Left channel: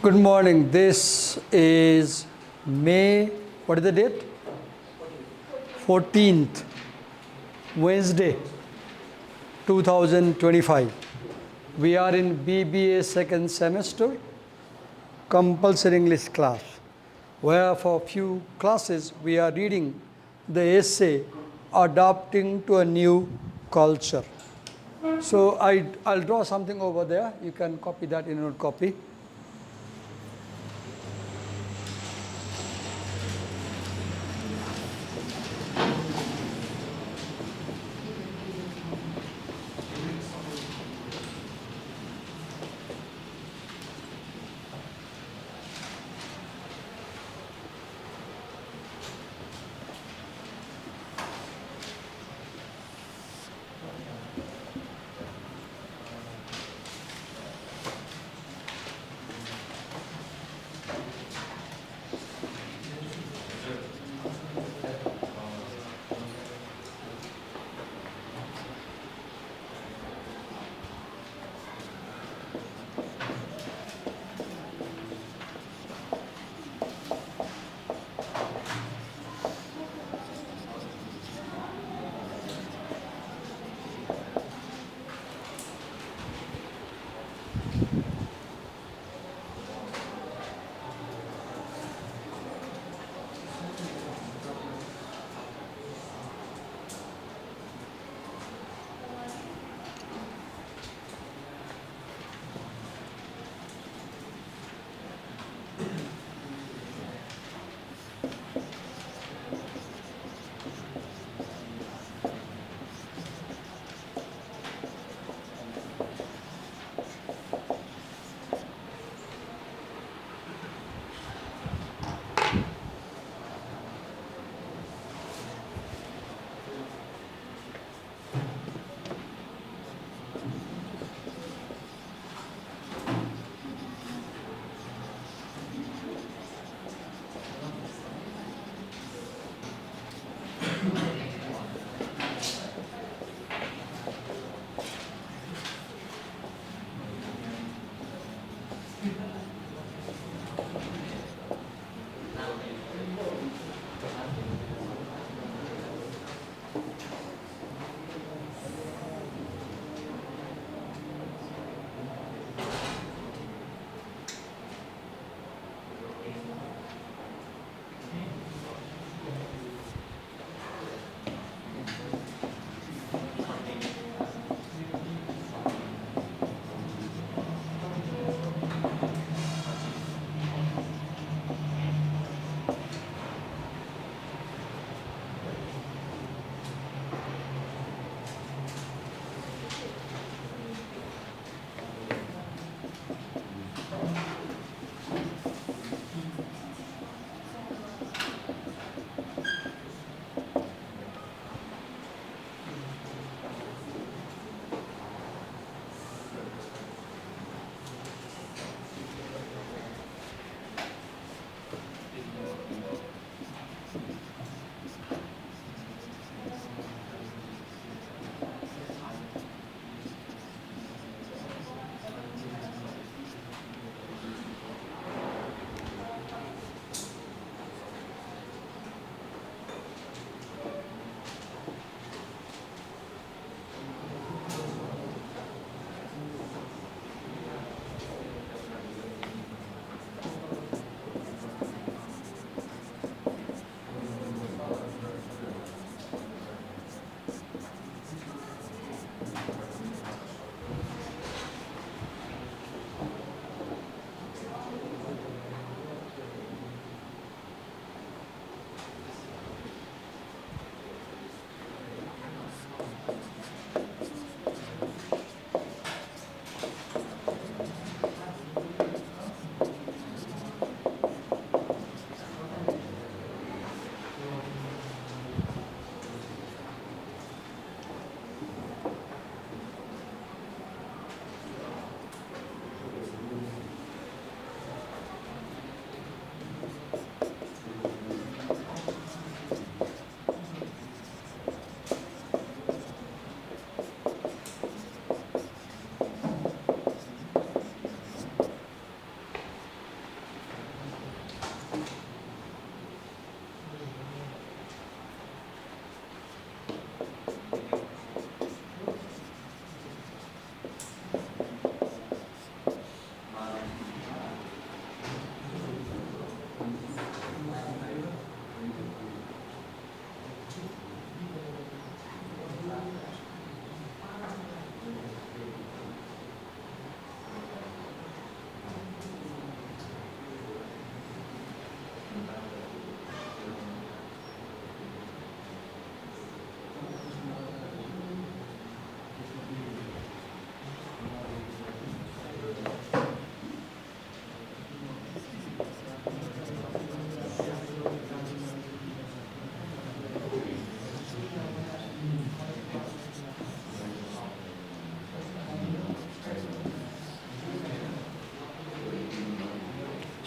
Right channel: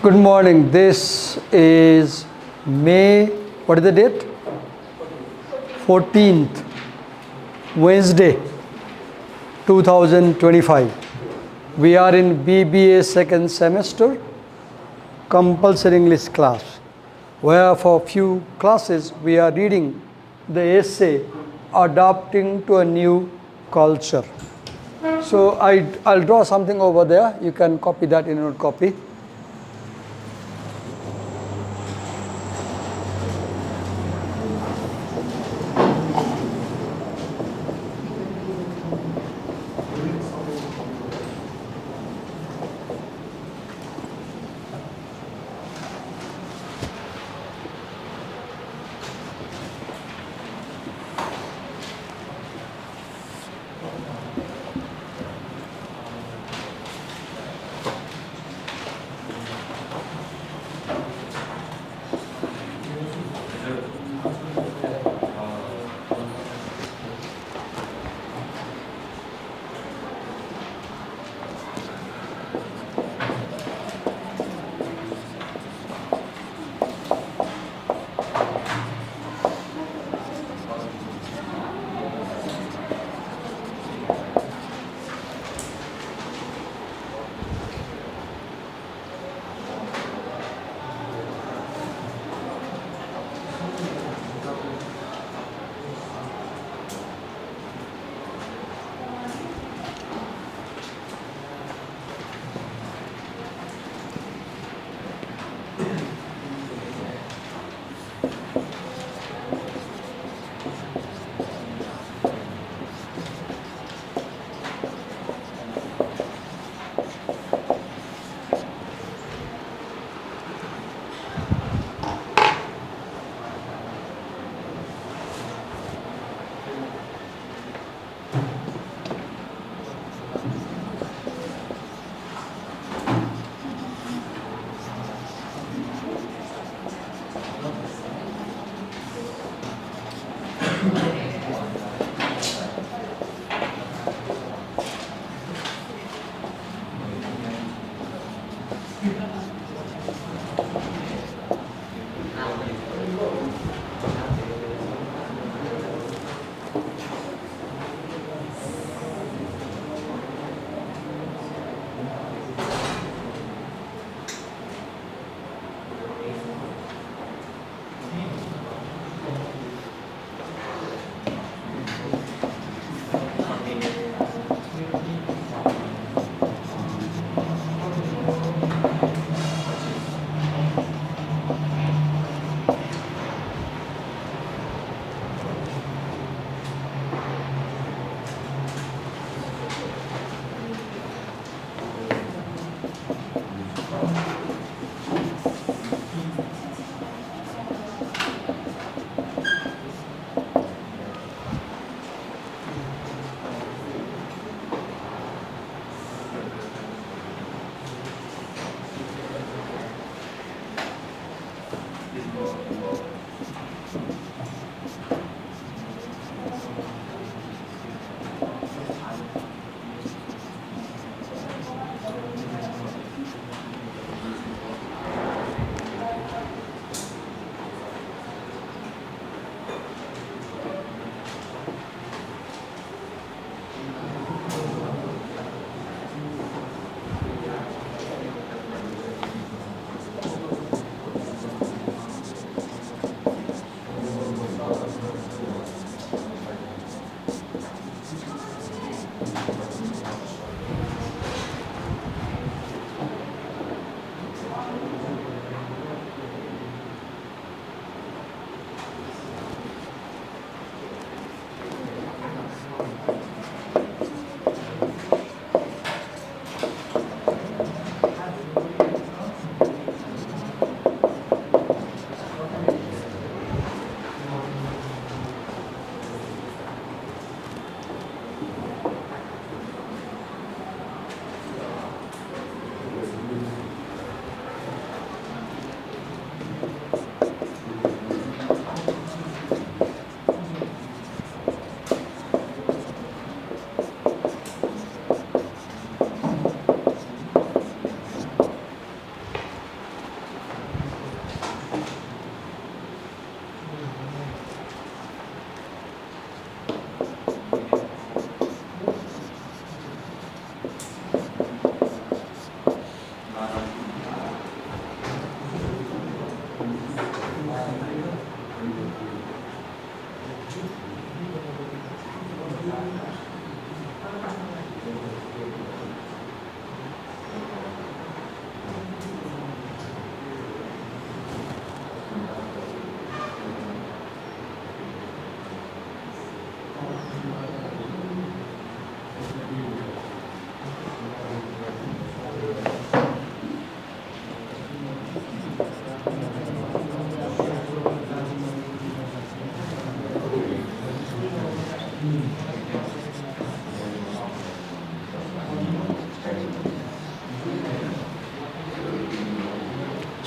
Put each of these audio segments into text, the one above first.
Good morning. This is May, what is the date? 14th, Wednesday, 2025. We are in BBA second semester, compulsory English class, where for a few classes we are reading the essay, Adapting to a New Culture. So I'll draw something over there. You can copy that in your copy.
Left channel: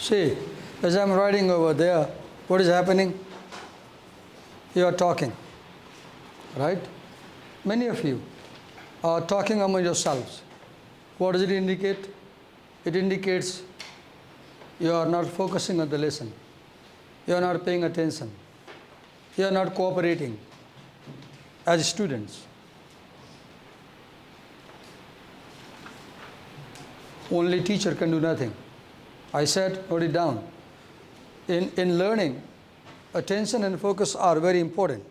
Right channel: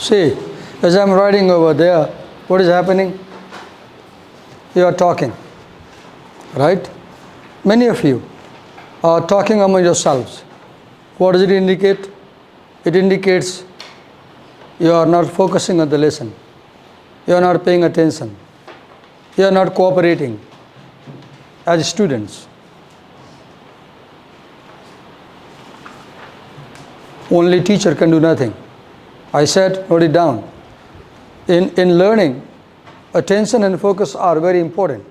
See, as I'm writing over there, what is happening? You are talking, right? Many of you are talking among yourselves. What does it indicate? It indicates you are not focusing on the lesson. You are not paying attention. You are not cooperating as students. Only teacher can do nothing. I said, note it down. In learning, attention and focus are very important.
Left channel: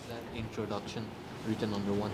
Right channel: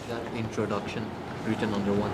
Is that introduction written on the one?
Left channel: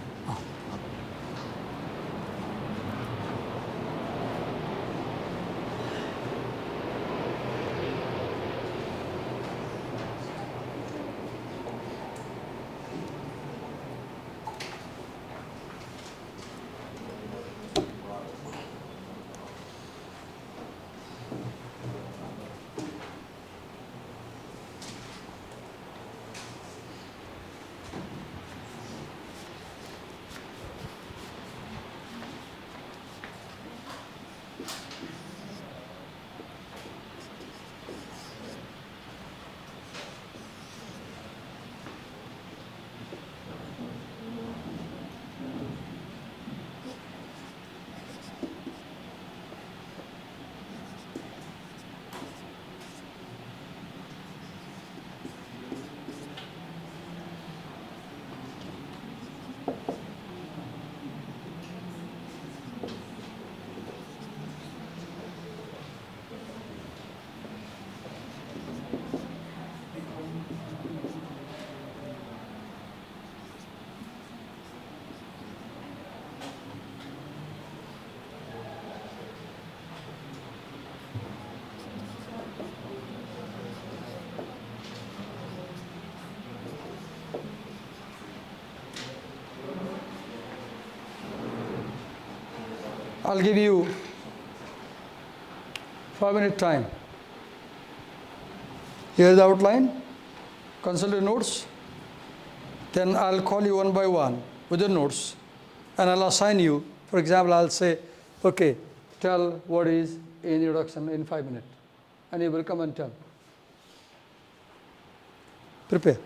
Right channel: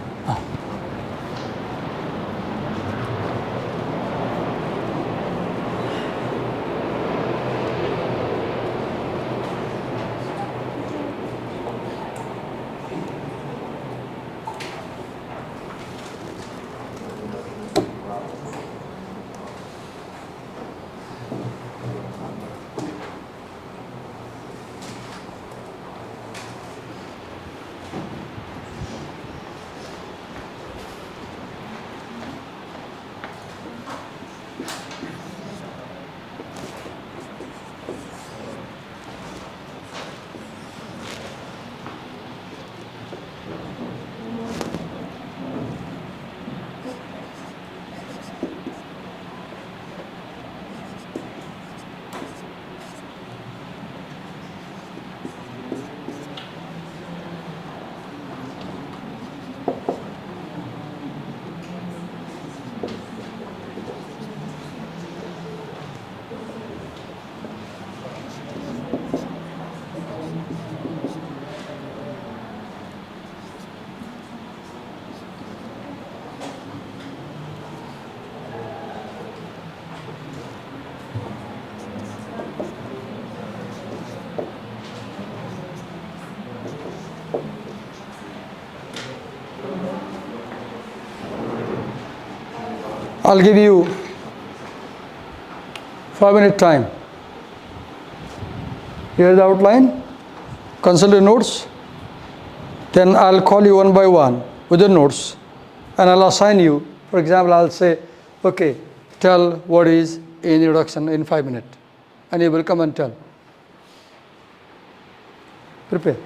I'll give you 5-minute time. Here's the outline. Consult your notes. Then I'll call you one by one with the notes and I'll assign you. For example, I'll say, okay, tell what is introduction in 5 minutes. And you will come and tell. Prepare.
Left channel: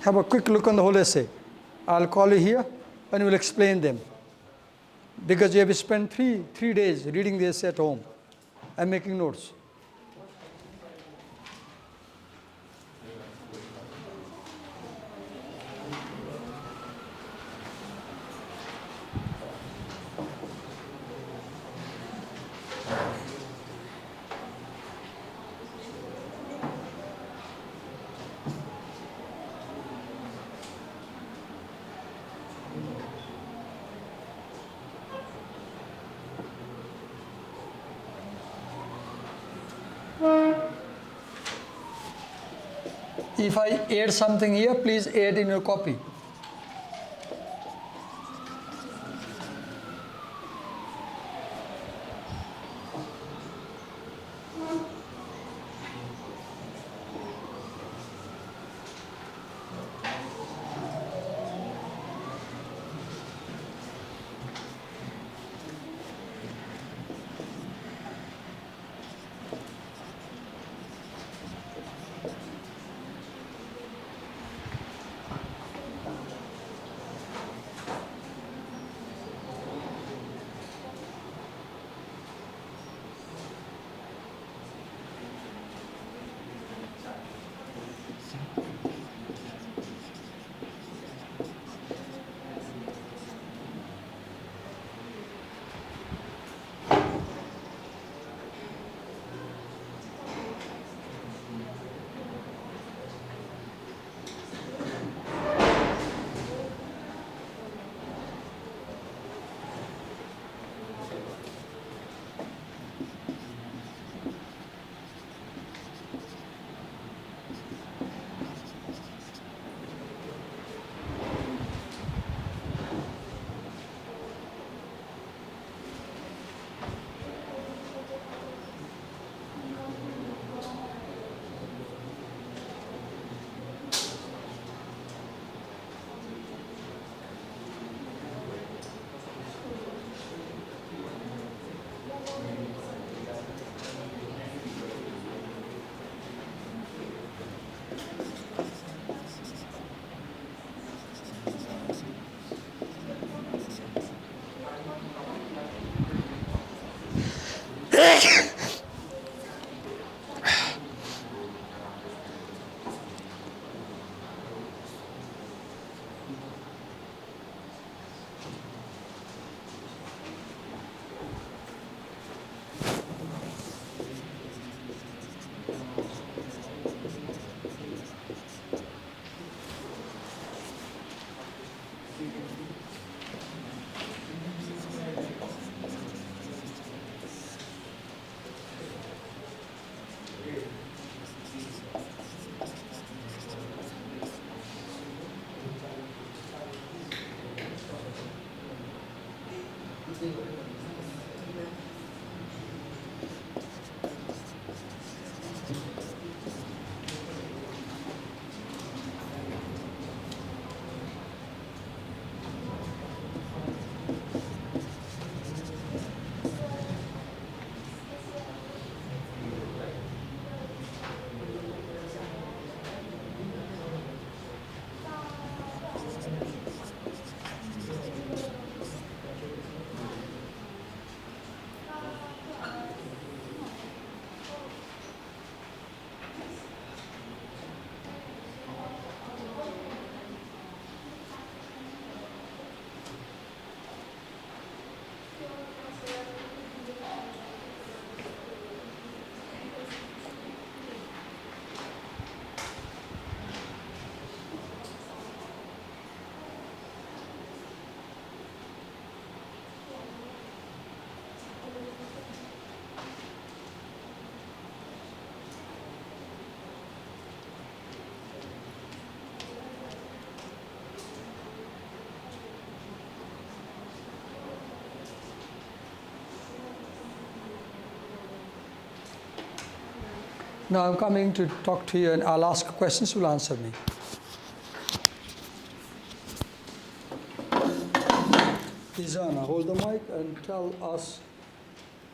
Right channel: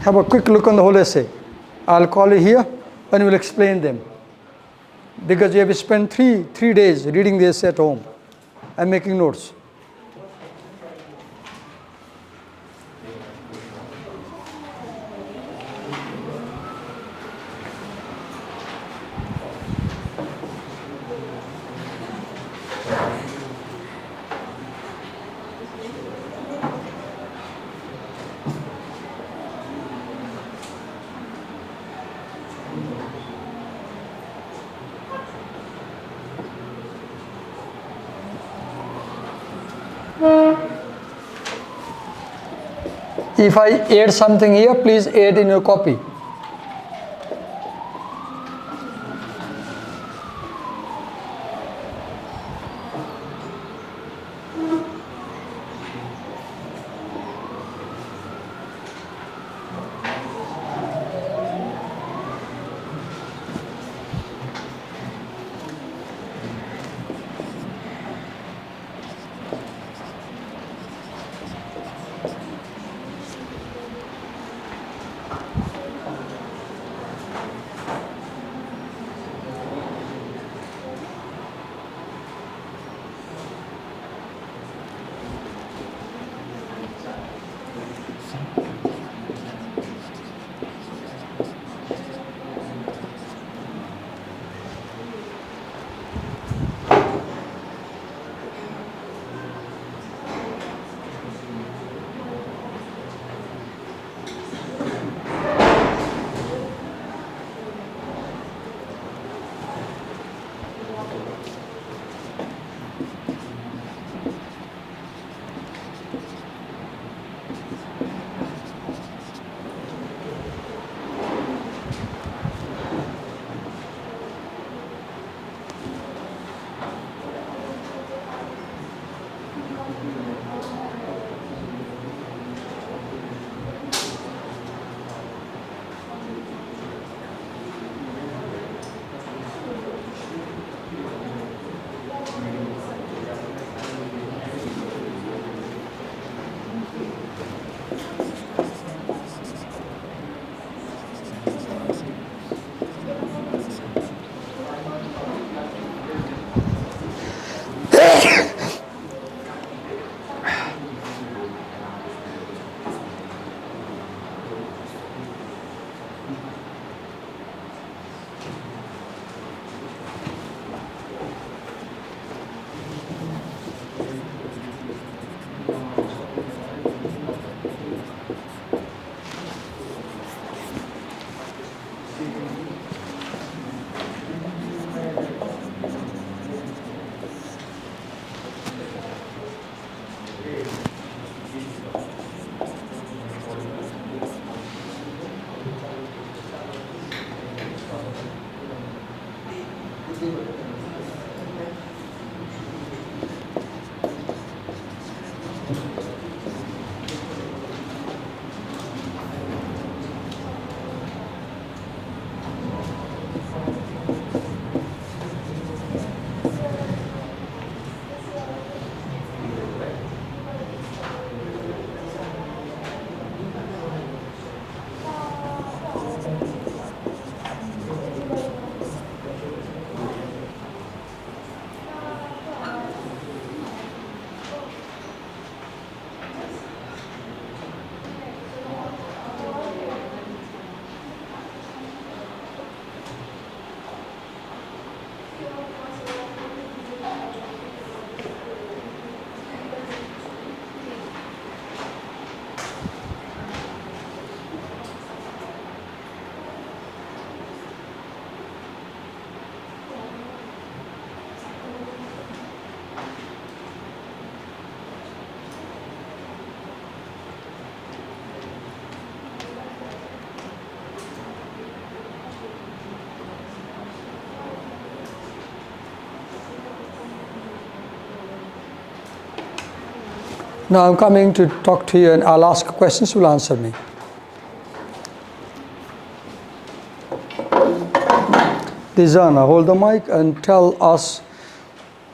Have a quick look on the whole essay. I'll call you here and we'll explain them. Because you have spent three days reading the essay at home and making notes. If I add something here, please add in your copy. Now I'm coming to talk to you and I'll ask questions, you'll answer me. Dizana, hold the mic and tell us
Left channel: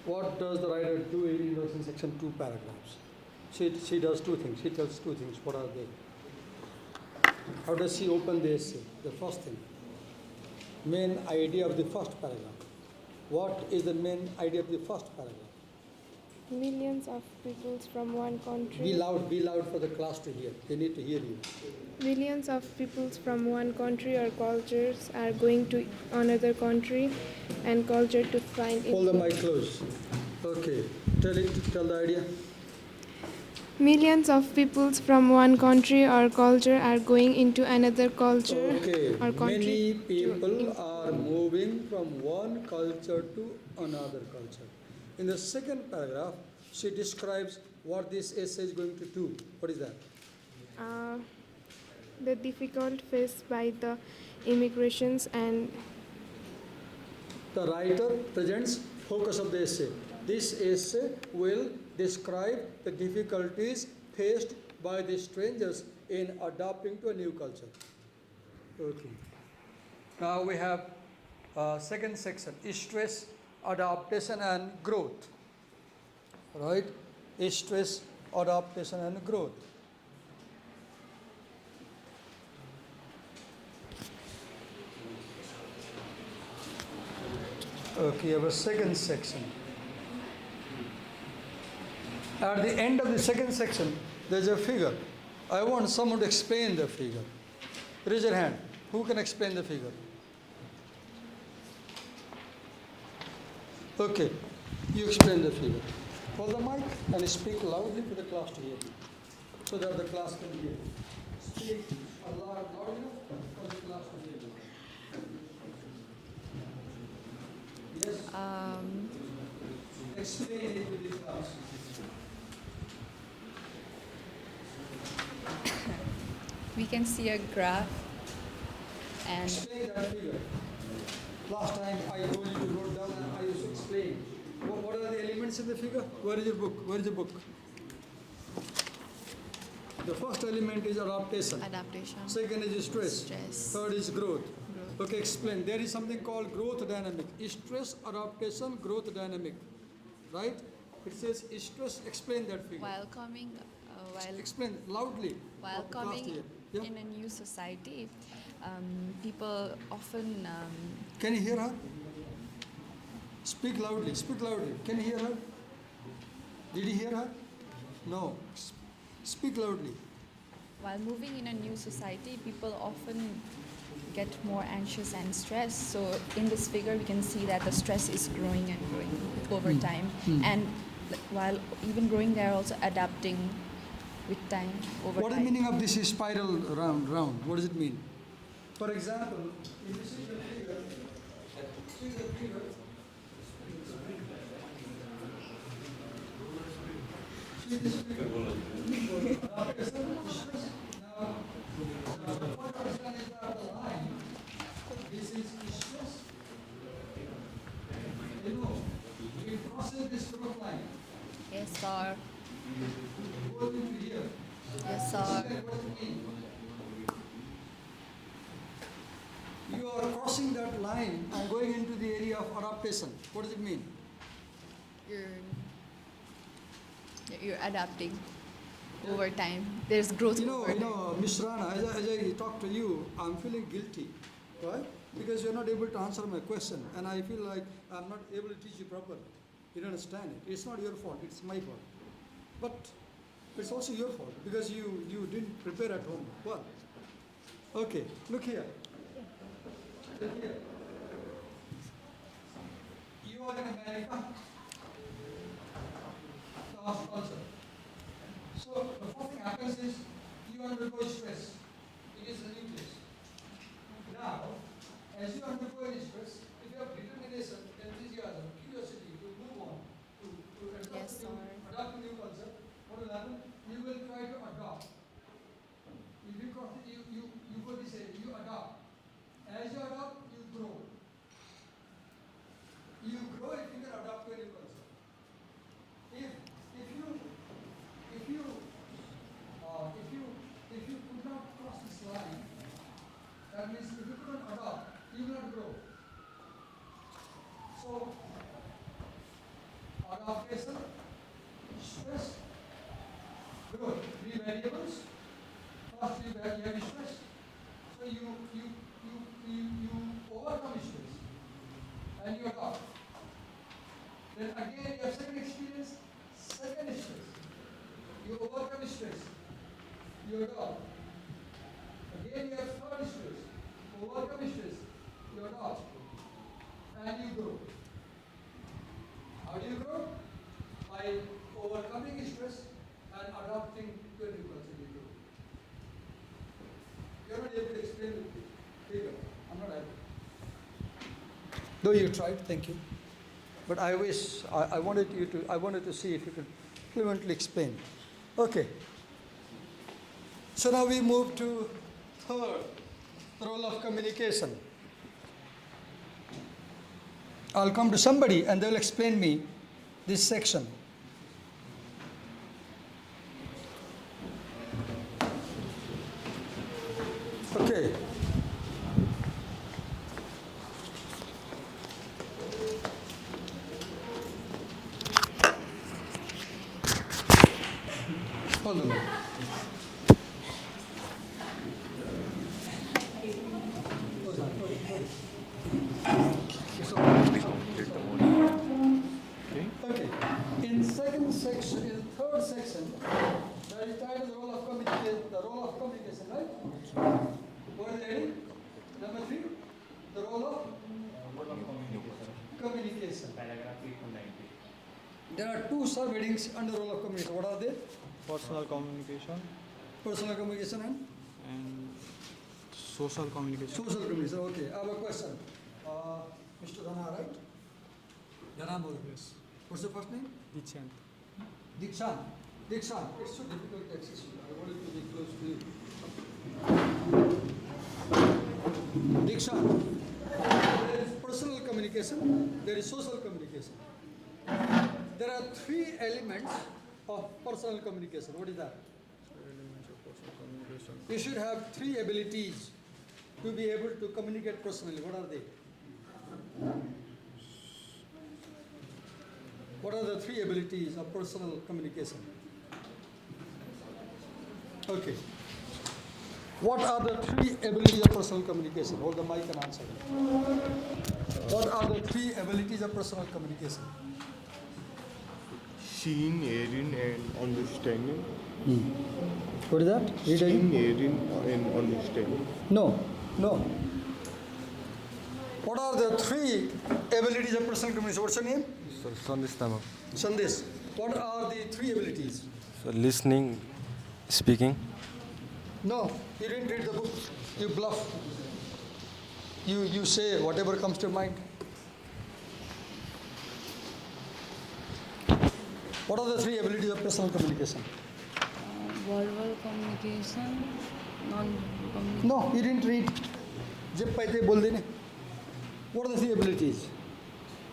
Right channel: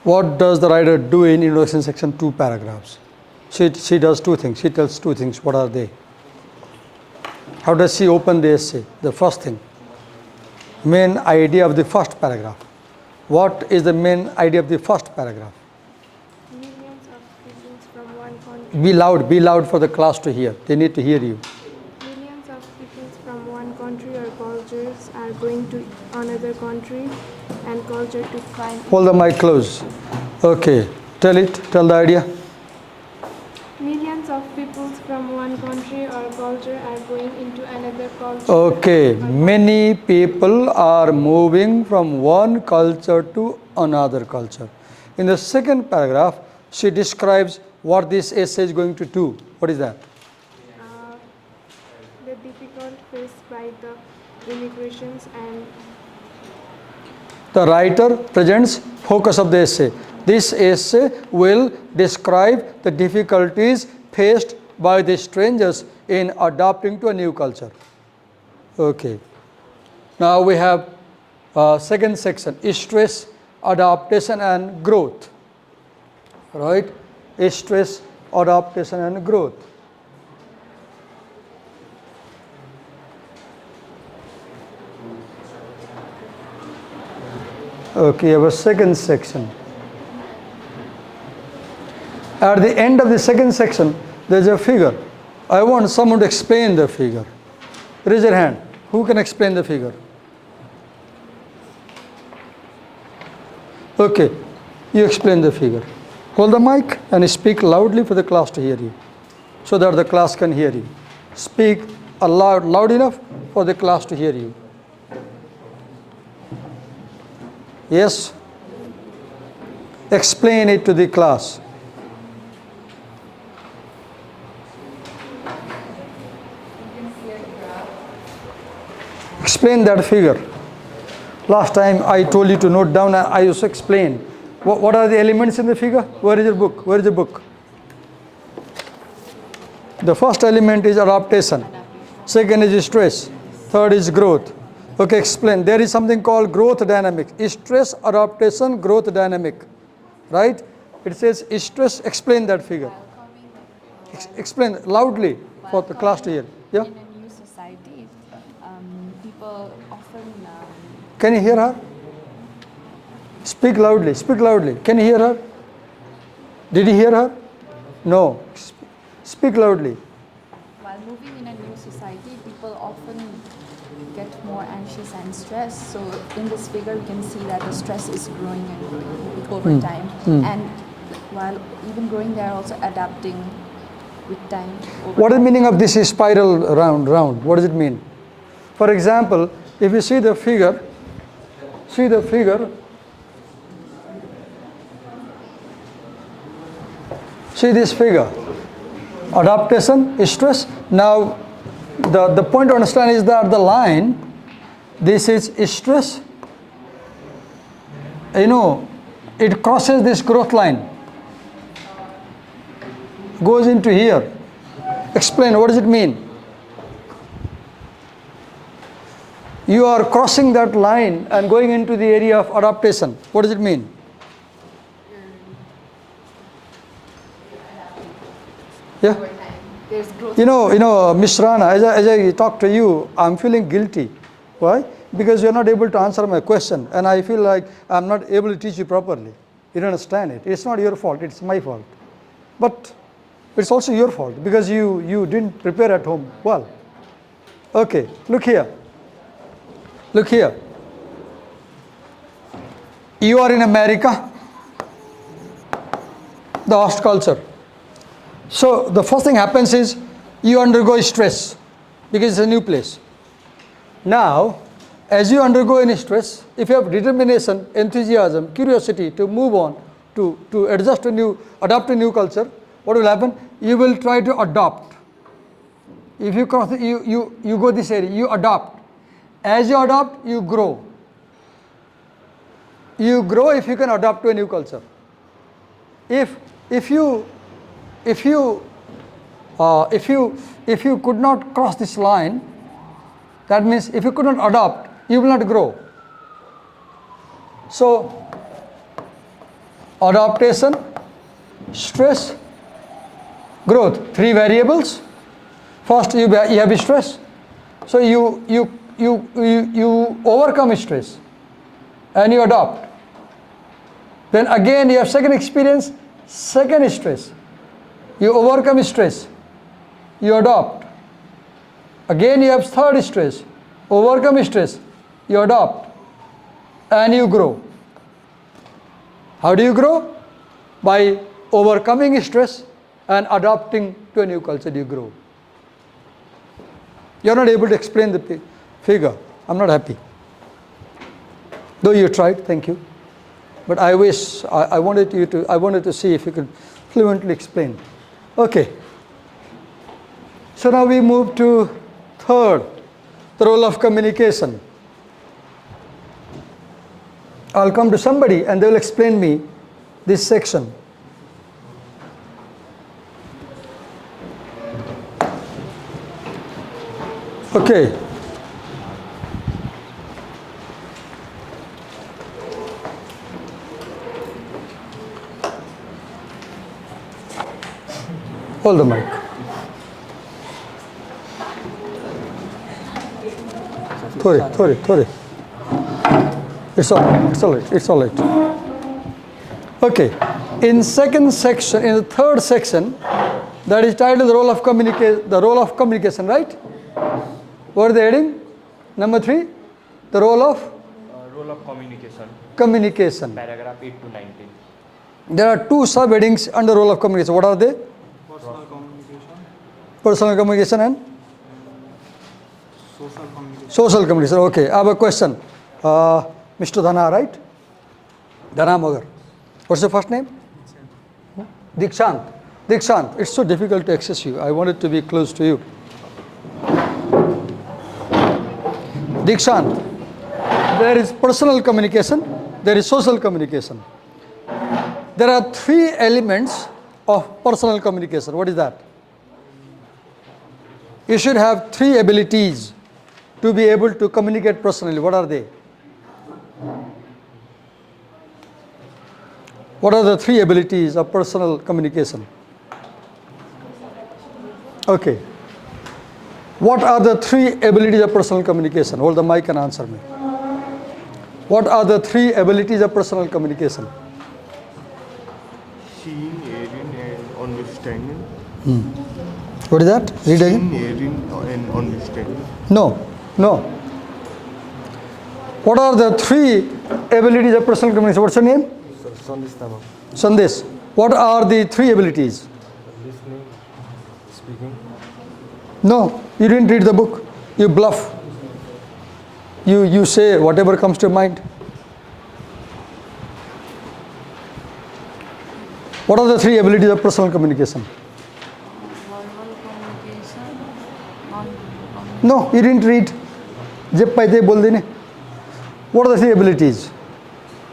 what does the writer do in introduction section 2 paragraphs. She does two things. She tells two things. What are they? How does she open the essay? The first thing. Main idea of the first paragraph. What is the main idea of the first paragraph? Millions of peoples from one country. Be loud for the class to hear. They need to hear you. Millions of peoples from one country or cultures are going to another country and culture to find. Hold the mic close. Okay. Tell the idea. Millions of peoples from one country or culture are going into another culture. Okay. or culture. Many people are moving from one culture to another culture. In the second paragraph, she describes what this essay is going to do. What is that? The difficult faced by the immigrations and The writer presents focus of the essay. This essay will describe the difficulties faced by the strangers in adapting to a new culture. Okay. Now we have second section, stress, adaptation and growth. Right? Stress, adaptation and growth. Okay, our second section. At the end of the second section, there's a figure. I want someone to explain the figure. Raise your hand. Who can explain the figure? Okay, you explain the figure. Hold the mic and speak loudly for the class to hear you, so that the class can hear you. Speak loud enough for the class to hear you. Yes? Explain it to the class. We can see a graph. Explain that figure. Last time I told you to note down and I also explained. What are the elements in the figure? Where is your book? Where is the book? The first element is adaptation. Second is stress. Third is growth. Okay, explain. There is something called growth dynamic. Stress, adaptation, growth dynamic. Right? It says stress. Explain that figure. Explain loudly for the class to hear. Yeah? In a new society, people often Can you hear her? Speak loudly. Speak loudly. Can you hear her? Did you hear her? No. Speak loudly. while moving in a new society, people often get more anxious and stressed. So in this figure, we can see that the stress is growing and growing over time. And while even growing, they are also adapting with time. What is the meaning of this spiral round? What does it mean? For example, if you see the figure, see this figure. Adaptation, stress. Now, the point to understand is that the line, this is stress. You know, it crosses this growth line. Goes into here. Explain, what does it mean? You are crossing that line and going into the area of adaptation. What does it mean? You're adapting Yeah? over time. there's growth. Miss Rana, as I talk to you, I'm feeling guilty. Why? Because you're not able to answer my question, and I feel like I'm not able to teach you properly. You don't understand it. It's not your fault, it's my fault. But it's also your fault because you didn't prepare at home well. Okay, look here. Look here. You are in America, the host culture. So the first thing happens is you undergo stress because it's a new place. Now, as you undergo any stress, if you have determination, enthusiasm, curiosity to move on, to adapt to new culture, what will happen? You will try to adopt. If you cross, you go this area, you adopt. As you adopt, you grow. You grow if you can adapt to a new culture. If you could not cross this line, that means if you could not adopt, you will not grow. So, adaptation, stress, growth, 3 variables. First, you have stress. So you overcome stress and you adopt. Then again you have second experience, second stress. You overcome stress, you adopt. Again you have third stress, overcome stress, you adopt, and you grow. How do you grow? By overcoming stress and adapting to a new culture, you grow. You are not able to explain the figure. I'm not happy. Though you tried, thank you. But I wish, I wanted to see if you could fluently explain. Okay. So now we move to third, the role of communication. I'll come to somebody and they will explain me this section. Okay. Hold the mic. Sorry. It's all right. Okay. In second section, in the third section, that is titled the role of communication, right? What are they heading? Number 3, the role of communication. Paragraph 8 to 19. There are 2 subheadings under role of communication. What are they? Personal communication and social communication. Okay, I have a question. Mr. Dhana, right? Dhana Magar. What's your first name? Dikshant. Dikshant, it's so difficult to access you. I wanted to be close to you. Dikshant, there is personal communication, there is social communication. There are 3 elements of personal communication. What is that? You should have 3 abilities to be able to communicate personally. What are they? What are the 3 abilities of personal communication? Okay. What are the 3 abilities of personal communication? Hold the mic and answer me. What are the 3 abilities of personal communication? Seeing, hearing, and understanding. What is that? Read again. Seeing, hearing, and understanding. No. What are the 3 abilities of personal communication? What's your name? Sandesh. What are the 3 abilities? Listening, speaking. No, you didn't read the book. You bluff. You say whatever comes to your mind. What are the 3 abilities of personal communication? No, you didn't read. Jep paite bol dine. What are the 3 abilities?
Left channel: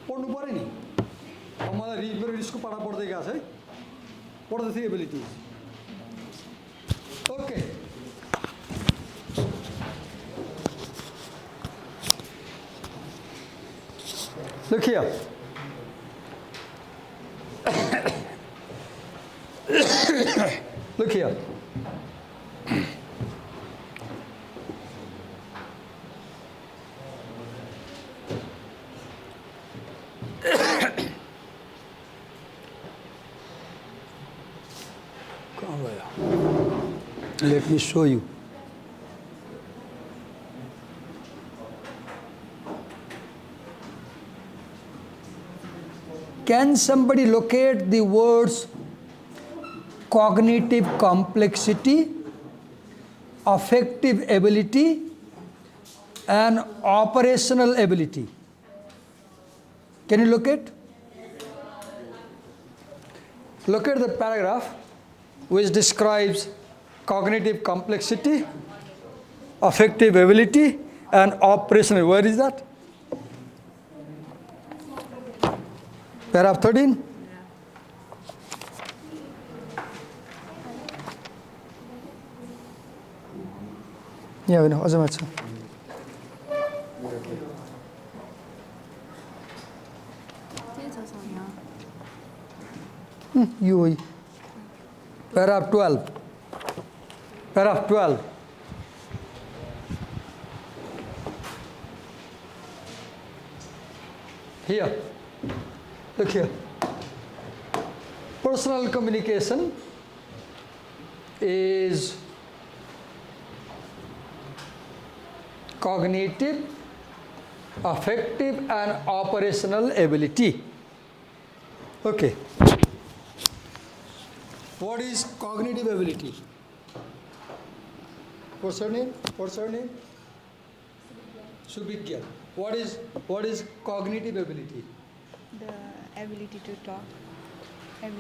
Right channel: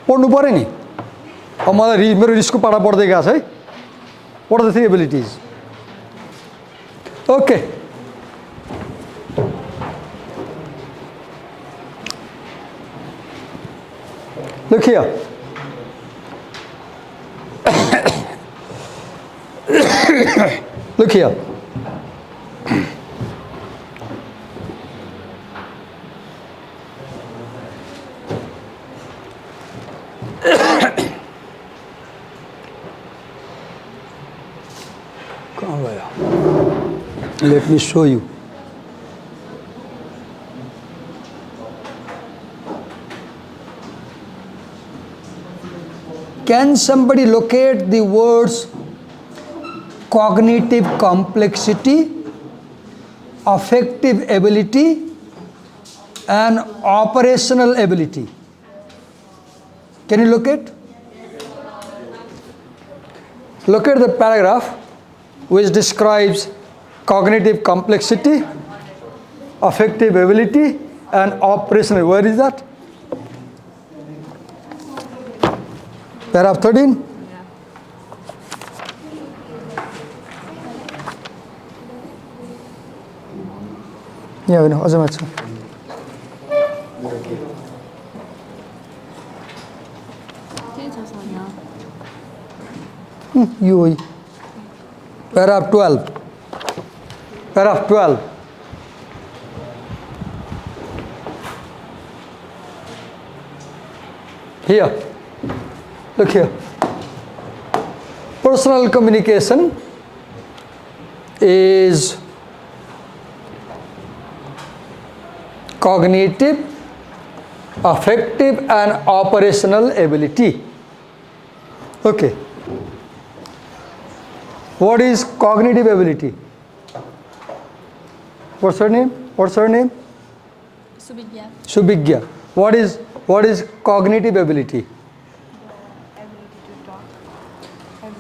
पढ्नु पर्यो नि. अब मलाई मेरो रिसको पाडा पढ्दै गएको छ है. What are the 3 abilities? Okay. Look here. Look here. कहाँ गया? Let me show you. Can somebody locate the words cognitive complexity, affective ability, and operational ability? Can you locate? Locate the paragraph which describes cognitive complexity, affective ability, and operational. Where is that? Paragraph 13. Yeah, we know. You. Paragraph 12. Paragraph 12. Here. Look here. Personal communication is cognitive, affective, and operational ability. Okay. What is cognitive ability? What's her name? What's her name? Subhigya. Subhigya. What is cognitive ability?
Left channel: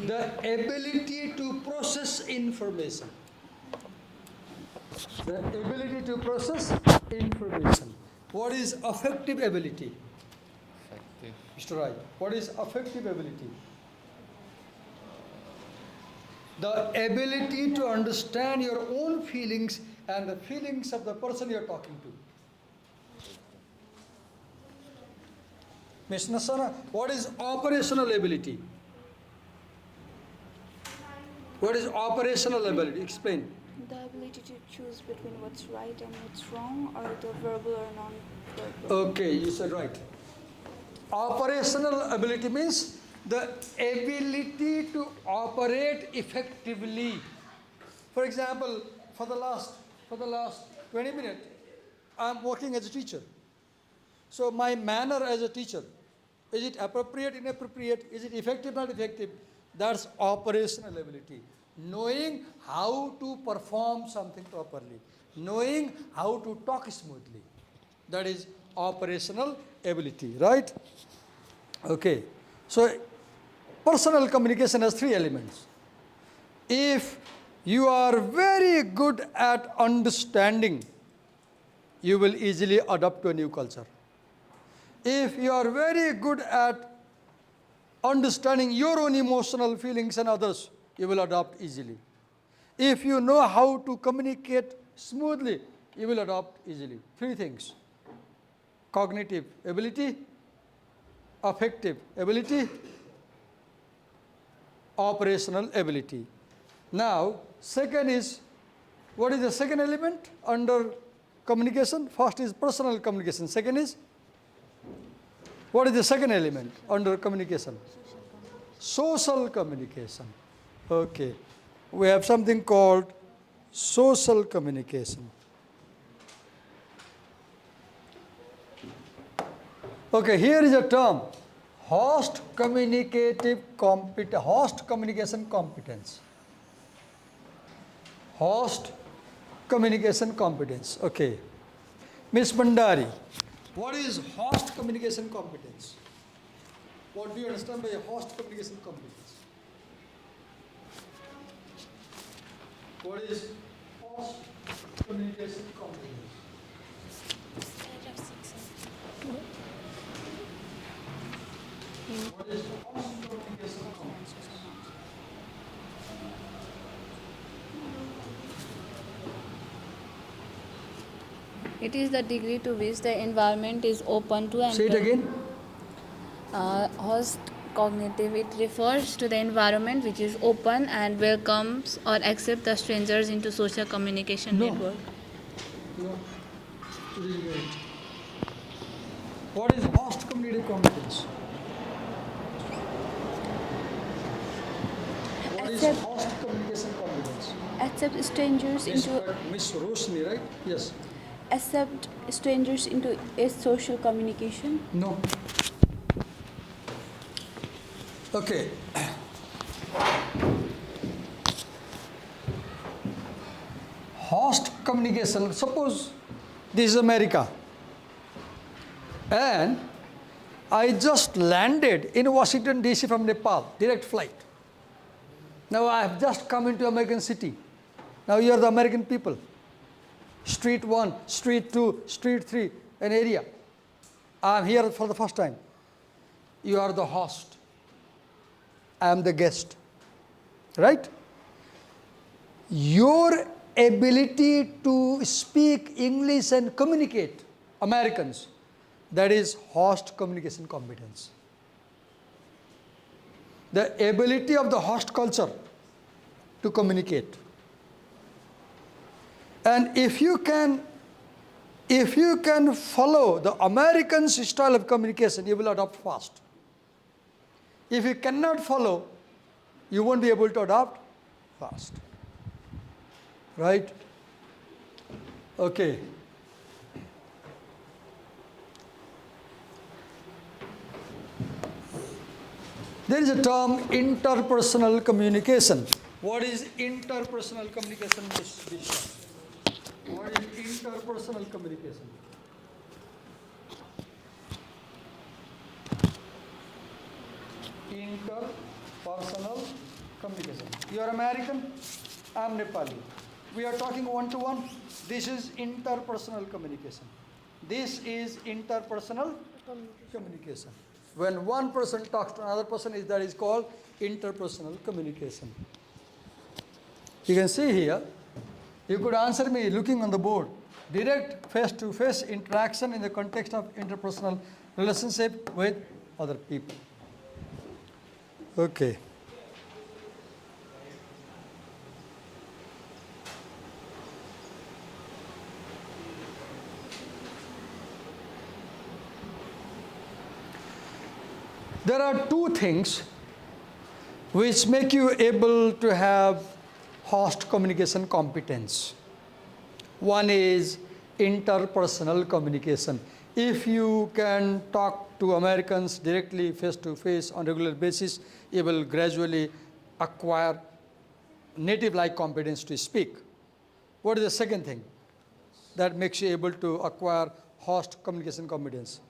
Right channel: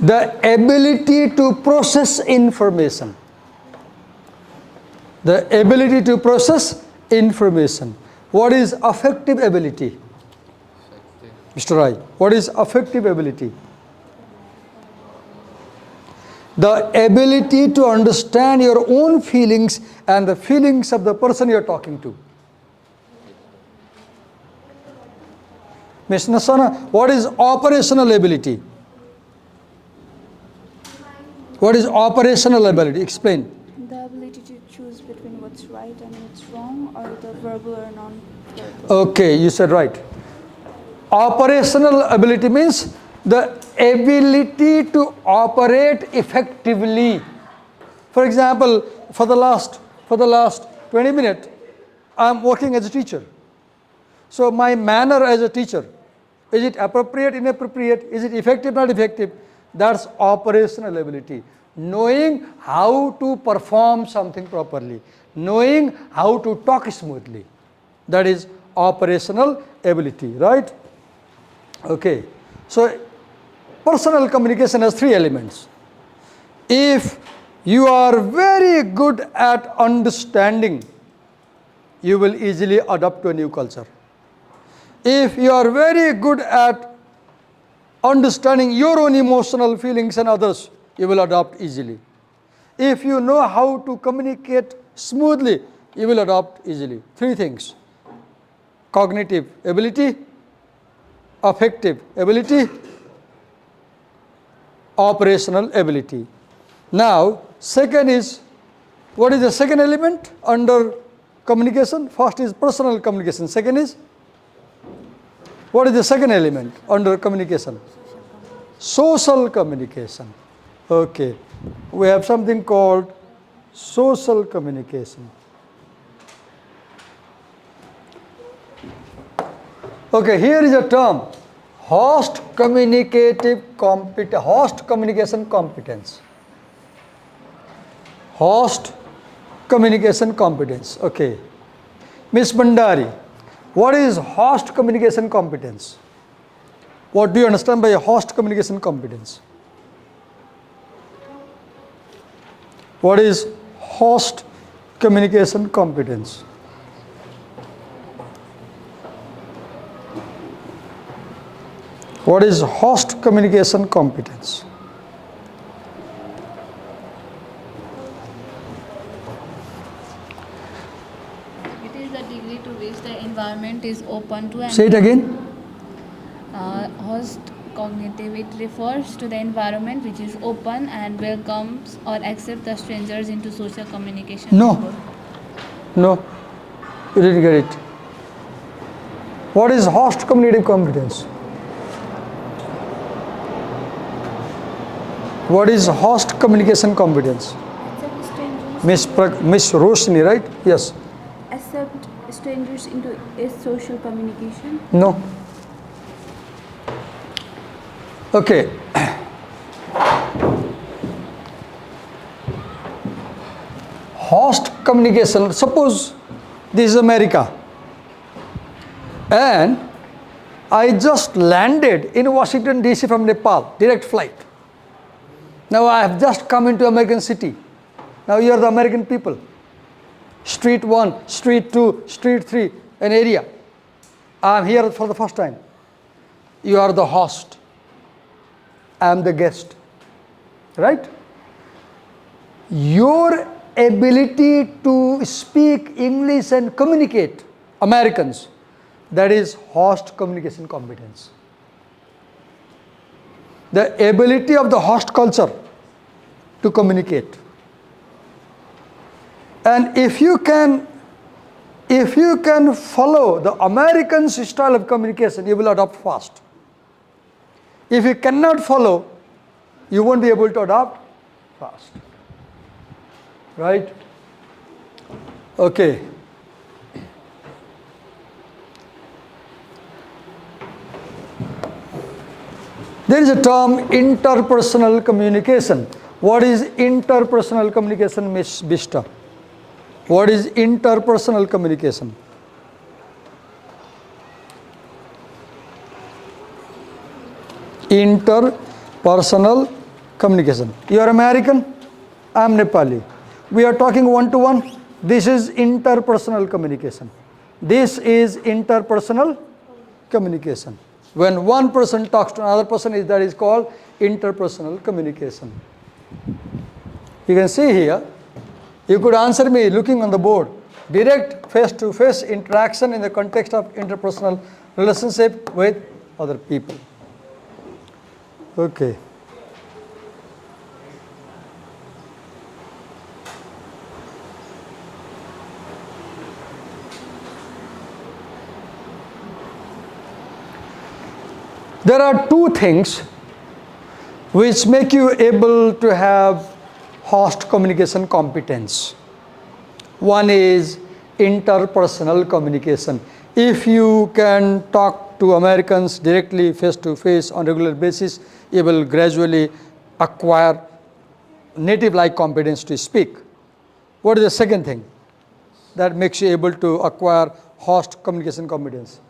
The ability to process information. The ability to process information. What is affective ability? Mr. Rai, what is affective ability? The ability to understand your own feelings and the feelings of the person you are talking to. Ms. Nasana, what is operational ability? What is operational ability? Explain. The ability to choose between what's right and what's wrong, or the verbal or non-verbal. Okay, you said right. Operational ability means the ability to operate effectively. For example, for the last 20 minutes, I'm working as a teacher. So my manner as a teacher, is it appropriate, inappropriate? Is it effective, not effective? That's operational ability. Knowing how to perform something properly. Knowing how to talk smoothly. That is operational ability, right? Okay. So personal communication has 3 elements. If you are very good at understanding, you will easily adapt to a new culture. If you are very good at understanding your own emotional feelings and others, you will adapt easily. If you know how to communicate smoothly, you will adapt easily. 3 things: cognitive ability, affective ability, operational ability. Now, second is, what is the second element under communication? First is personal communication. Second is, what is the second element under communication? Social communication. Okay. We have something called social communication. Okay, here is a term, host communication competence. Host communication competence. Okay. Ms. Bandari, what is host communication competence? What do you understand by a host communication competence? What is host communication competence? What is host communication competence? It is the degree to which the environment is open to and Say it again. host cognitive. It refers to the environment which is open and welcomes or accepts the strangers into social communication. No. No. You didn't get it. What is host communicative competence? What is host communication competence? Accept strangers. Miss Roshni, right? Yes. Accept strangers into a social communication. No. Okay. Host communication. Suppose this is America, and I just landed in Washington DC from Nepal, direct flight. Now I have just come into American city. Now you are the American people. Street 1, Street 2, Street 3, an area. I am here for the first time. You are the host. I am the guest. Right? Your ability to speak English and communicate, Americans, that is host communication competence. The ability of the host culture to communicate. And if you can follow the American style of communication, you will adopt fast. If you cannot follow, you won't be able to adopt fast. Right? Okay. There is a term interpersonal communication. What is interpersonal communication, Ms. Bista? What is interpersonal communication? Interpersonal communication. You are American, I am Nepali. We are talking one-to-one. This is interpersonal communication. This is interpersonal communication. When one person talks to another person, that is called interpersonal communication. You can see here, you could answer me looking on the board. Direct face-to-face interaction in the context of interpersonal relationship with other people. Okay. There are two things which make you able to have host communication competence. One is interpersonal communication. If you can talk to Americans directly, face to face on a regular basis, you will gradually acquire native-like competence to speak. What is the second thing that makes you able to acquire host communication competence?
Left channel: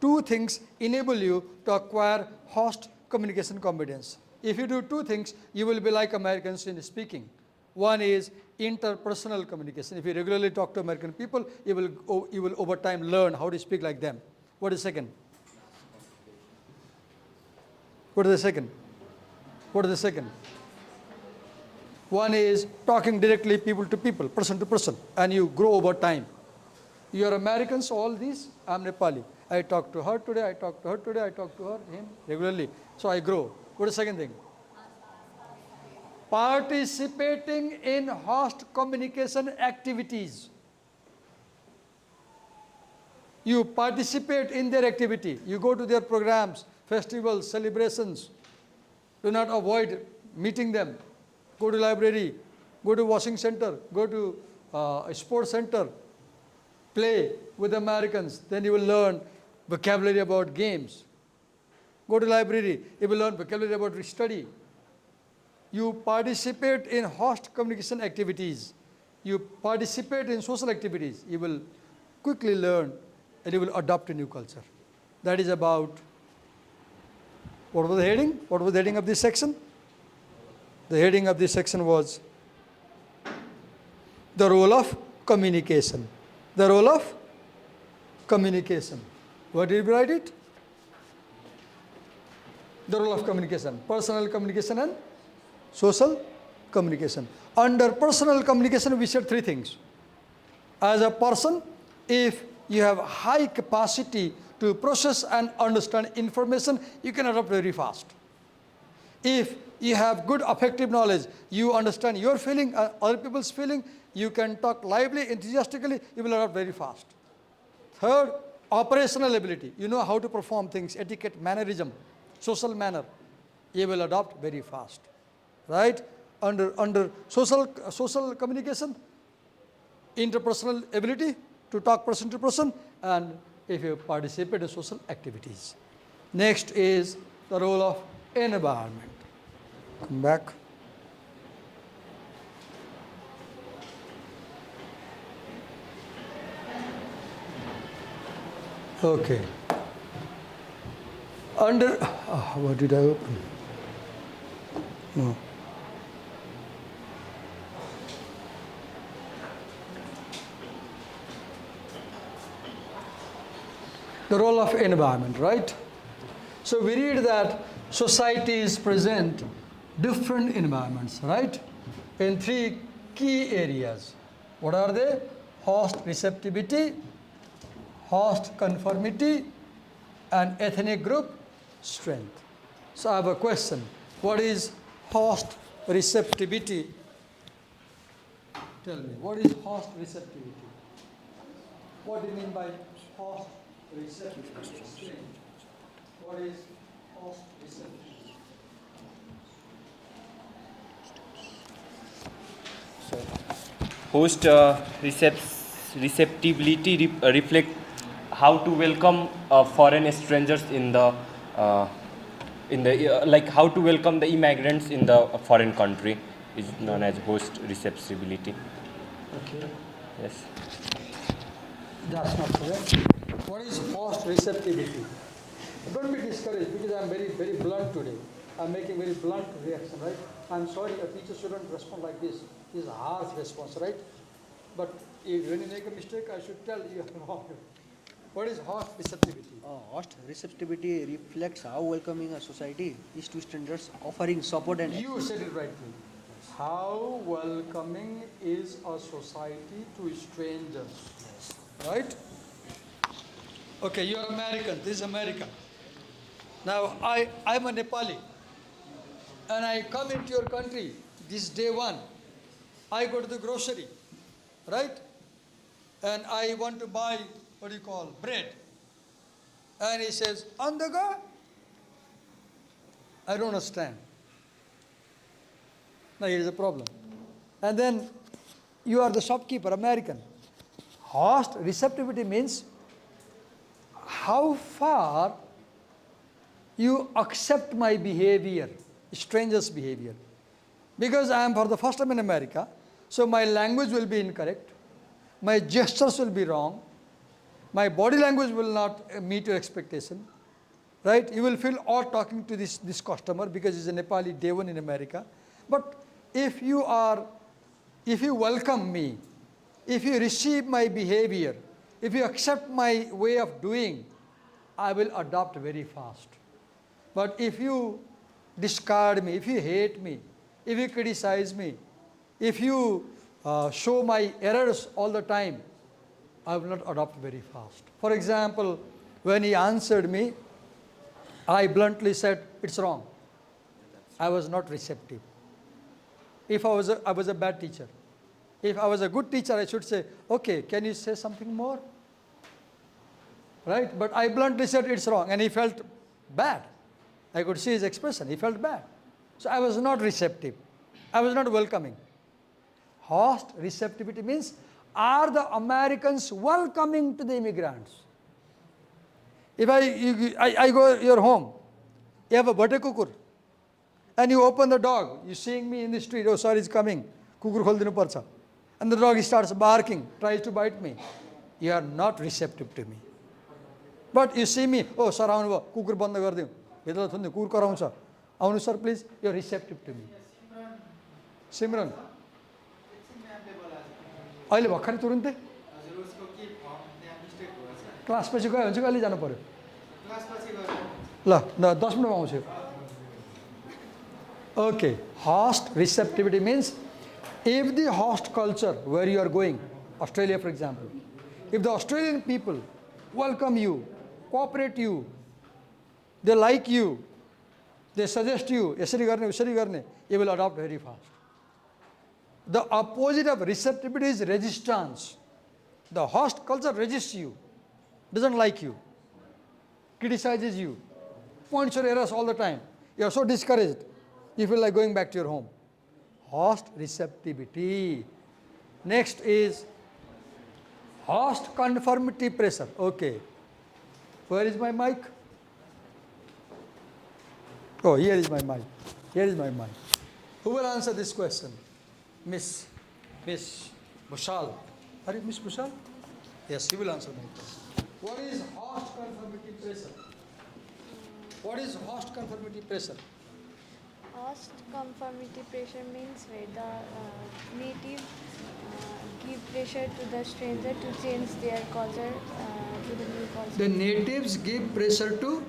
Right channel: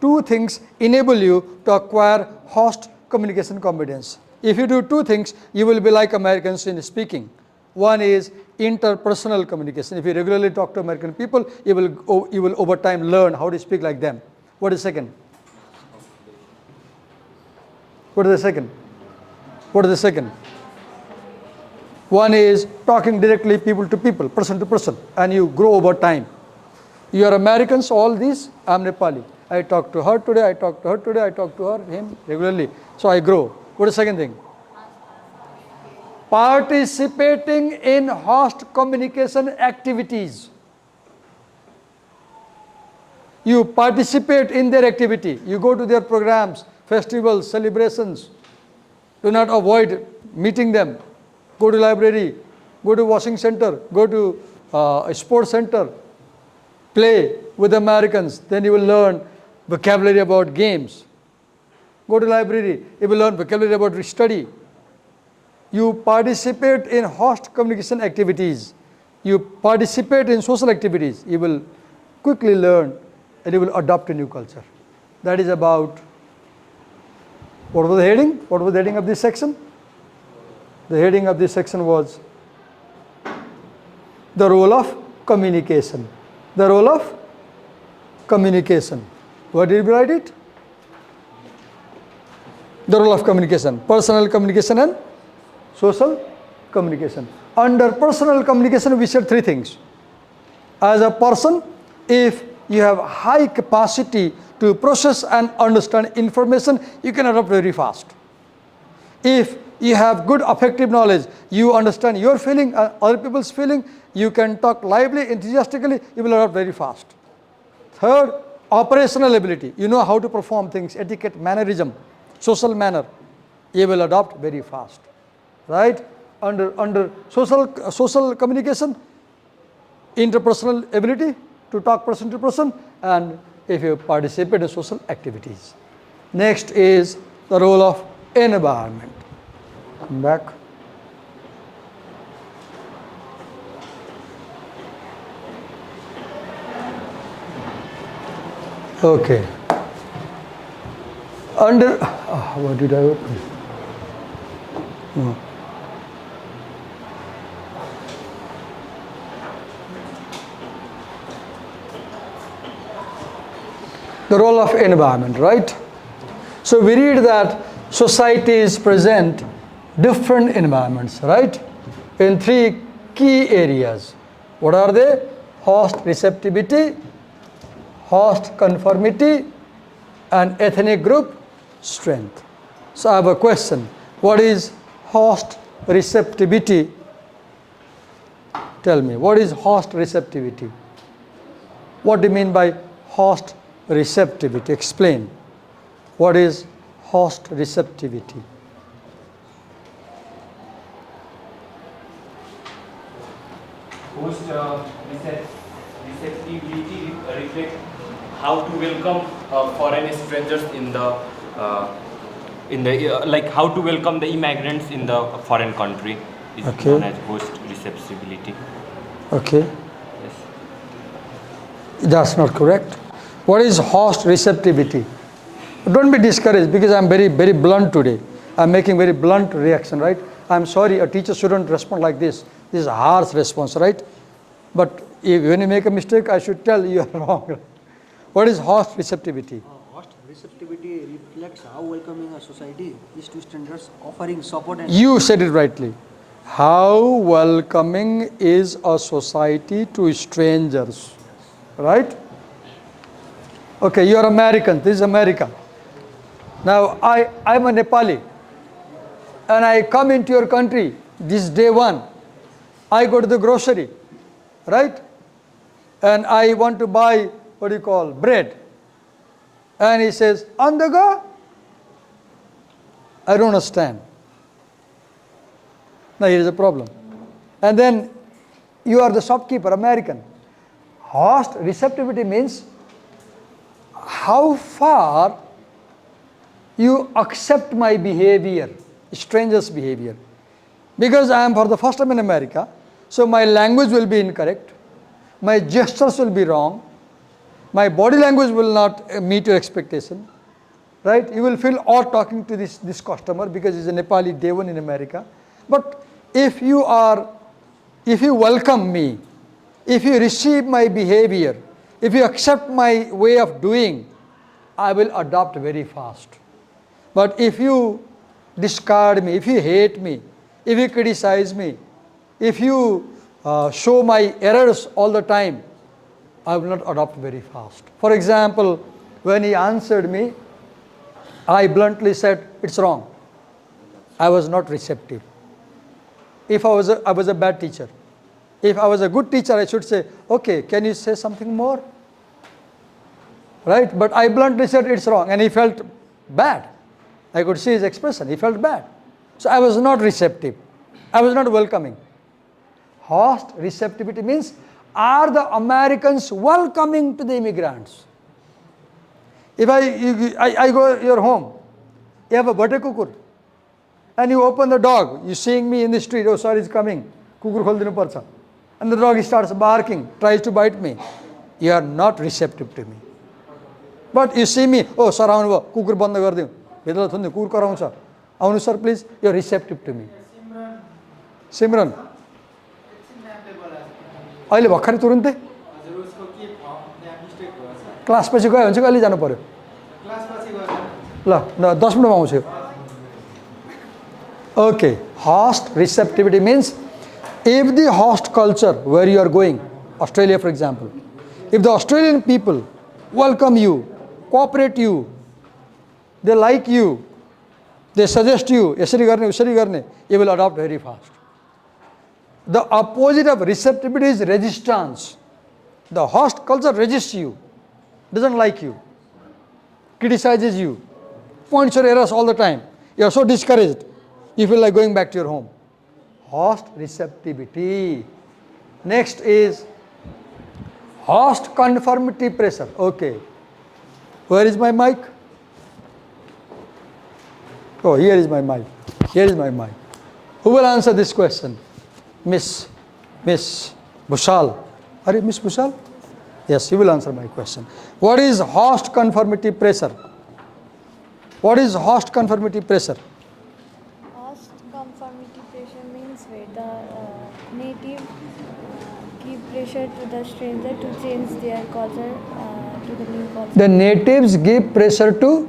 Two things enable you to acquire host communication competence. If you do two things, you will be like Americans in speaking. One is interpersonal communication. If you regularly talk to American people, you will over time learn how to speak like them. What is second? What is the second? What is the second? One is talking directly people to people, person to person, and you grow over time. You are Americans, all these, I am Nepali. I talk to her today, I talk to her today, I talk to her, him regularly. So I grow. What is the second thing? Participating in host communication activities. You participate in their activity. You go to their programs, festivals, celebrations. Do not avoid meeting them. Go to library, go to washing center, go to a sports center. Play with Americans, then you will learn vocabulary about games. Go to library, you will learn vocabulary about study. You participate in host communication activities. You participate in social activities. You will quickly learn and you will adopt a new culture. That is about, what was the heading? What was the heading of this section? The heading of this section was the role of communication. The role of communication. Where did we write it? The role of communication. Personal communication and social communication. Under personal communication, we said three things. As a person, if you have high capacity to process and understand information, you can adapt very fast. If you have good affective knowledge, you understand your feeling, other people's feeling, you can talk lively, enthusiastically, you will adapt very fast. Third, operational ability. You know how to perform things, etiquette, mannerism, social manner. You will adopt very fast. right? Under social communication, interpersonal ability to talk person to person, and if you participate in social activities. Next is the role of environment. Come back. Okay. What did I open? No. The role of environment, right? So we read that societies present different environments, right? In three key areas. What are they? Host receptivity, host conformity, and ethnic group strength. So I have a question. What is host receptivity? Tell me, what is host receptivity? What do you mean by host receptivity? Explain. What is host receptivity? Host receptivity reflect how to welcome foreign strangers in the like how to welcome the immigrants in the foreign country is Okay. known as host receptivity. Okay, Yes. that's not correct. What is host receptivity? Don't be discouraged because I'm very, very blunt today. I'm making very blunt reaction, right? I'm sorry, a teacher shouldn't respond like this. This is a harsh response, right? But when you make a mistake, I should tell you are wrong. What is host receptivity? Host receptivity reflects how welcoming a society is to strangers, offering support and You said it rightly. How welcoming is a society to strangers, right? Okay, you are American. This is America. Now, I'm a Nepali. And I come into your country. This is day one. I go to the grocery, right? And I want to buy, what do you call, bread. And he says, on the go? I don't understand. Now, here is a problem. And then you are the shopkeeper, American. Host receptivity means how far you accept my behavior, stranger's behavior. Because I am for the first time in America, so my language will be incorrect, my gestures will be wrong, my body language will not meet your expectation, right? You will feel odd talking to this customer because he's a Nepali day one in America. But if you welcome me, if you receive my behavior, if you accept my way of doing, I will adopt very fast. But if you discard me, if you hate me, if you criticize me, if you show my errors all the time, I will not adopt very fast. For example, when he answered me, I bluntly said, it's wrong. I was not receptive. If I was a bad teacher. If I was a good teacher, I should say, okay, can you say something more? Right? But I bluntly said it's wrong, and he felt bad. I could see his expression. He felt bad. So I was not receptive. I was not welcoming. Host receptivity means, are the Americans welcoming to the immigrants? If I go to your home, you have a butter kukur, and you open the dog, you seeing me in the street, oh sorry, it's coming, kukur khol dinu parcha. And the dog starts barking, tries to bite me. You are not receptive to me. But you see me, oh sir, kukur banda gardiu. Bedala thunde kukur karauncha. Avunu sir, please, you are receptive to me. Simran. अहिले भर्खरै तुरुन्तै class पछि गयो भने चाहिँ कहिले जानु पर्यो ल 10 मिनेटमा आउँछु Okay, host receptivity means if the host culture where you are going, Australia for example, if the Australian people welcome you, cooperate you, they like you, they suggest you, यसरी गर्ने उसरी गर्ने, you will adopt very fast. The opposite of receptivity is resistance. The host culture resists you, doesn't like you, criticizes you, points your errors all the time. You are so discouraged, you feel like going back to your home. host receptivity. Next is host conformity pressure. Okay. Where is my mic? Oh, here is my mic. Here is my mic. Who will answer this question? Miss Bushal. Are you Miss Bushal? Yes, you will answer my question. What is host conformity pressure? What is host conformity pressure? Host conformity pressure means where the native give pressure to the stranger to change their culture to the new culture. The natives give pressure to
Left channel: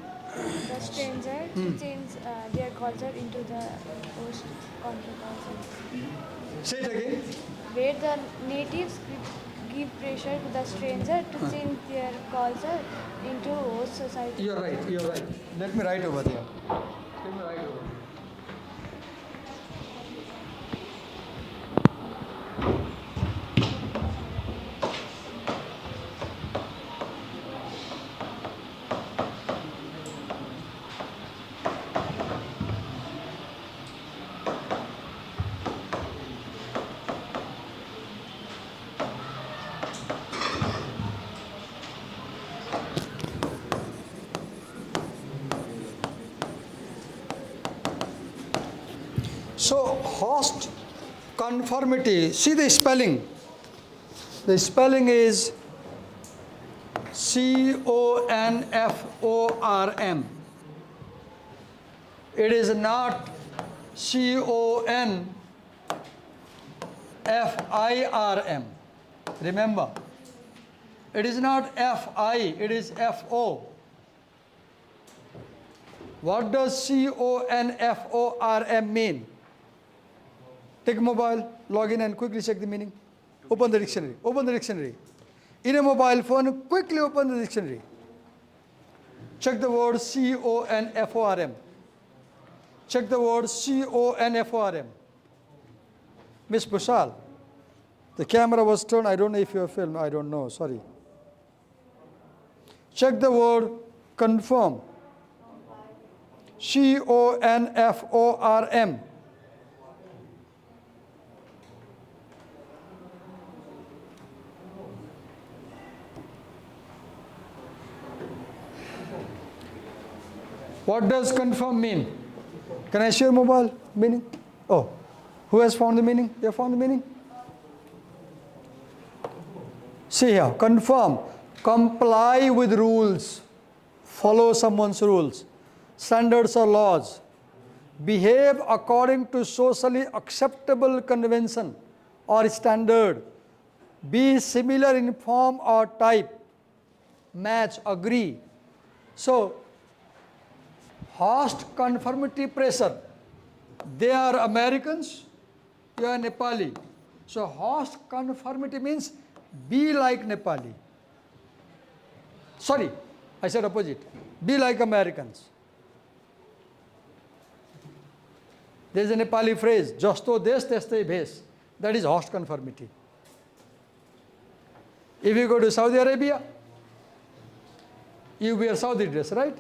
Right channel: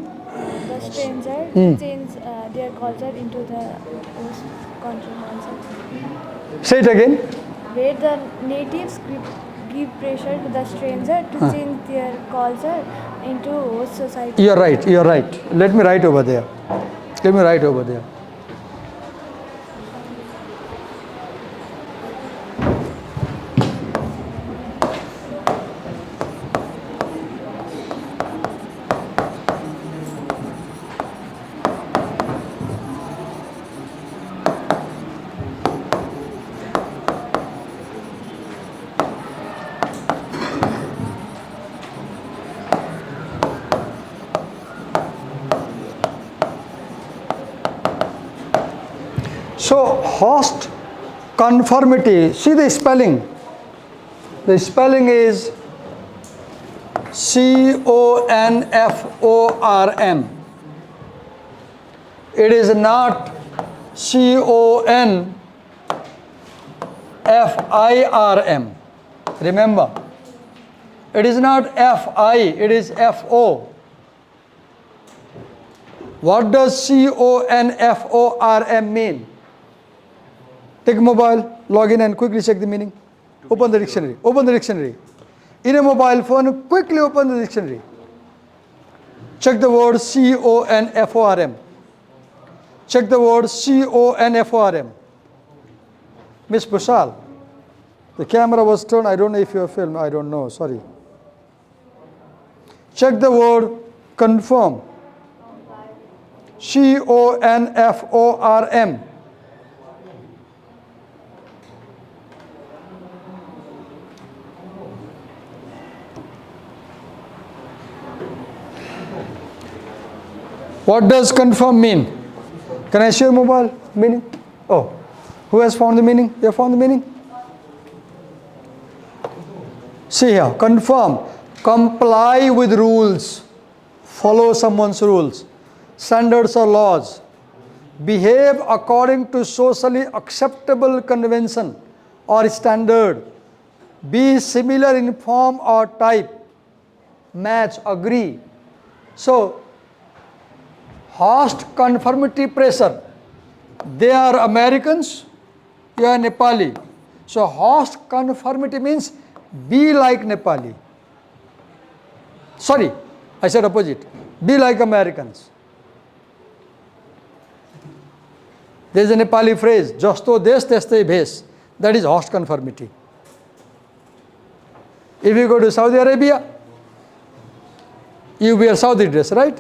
The stranger to change their culture into the host country culture. say it again. Where the natives give pressure to the stranger to change their culture into host society. You're right, you're right. Let me write over there. Let me write over there. So host conformity, see the spelling. The spelling is CONFORM. It is not CONFIRM. Remember, it is not FI, it is FO. What does CONFORM mean? Take mobile, log in and quickly check the meaning. Open the dictionary. Open the dictionary. In a mobile phone, quickly open the dictionary. Check the word CONFORM. Check the word CONFORM. Miss Bushal, the camera was turned. I don't know if you have filmed. I don't know. Sorry. Check the word confirm. CONFORM. What does confirm mean? Can I share mobile meaning? Oh, who has found the meaning? You have found the meaning? See here, confirm, comply with rules, follow someone's rules, standards or laws, behave according to socially acceptable convention or standard, be similar in form or type, match, agree. So, host conformity pressure. They are Americans, you are Nepali. So host conformity means be like Nepali. Sorry, I said opposite. Be like Americans. There is a Nepali phrase, Jasto des teste bhes. That is host conformity. If you go to Saudi Arabia, you wear Saudi dress, right?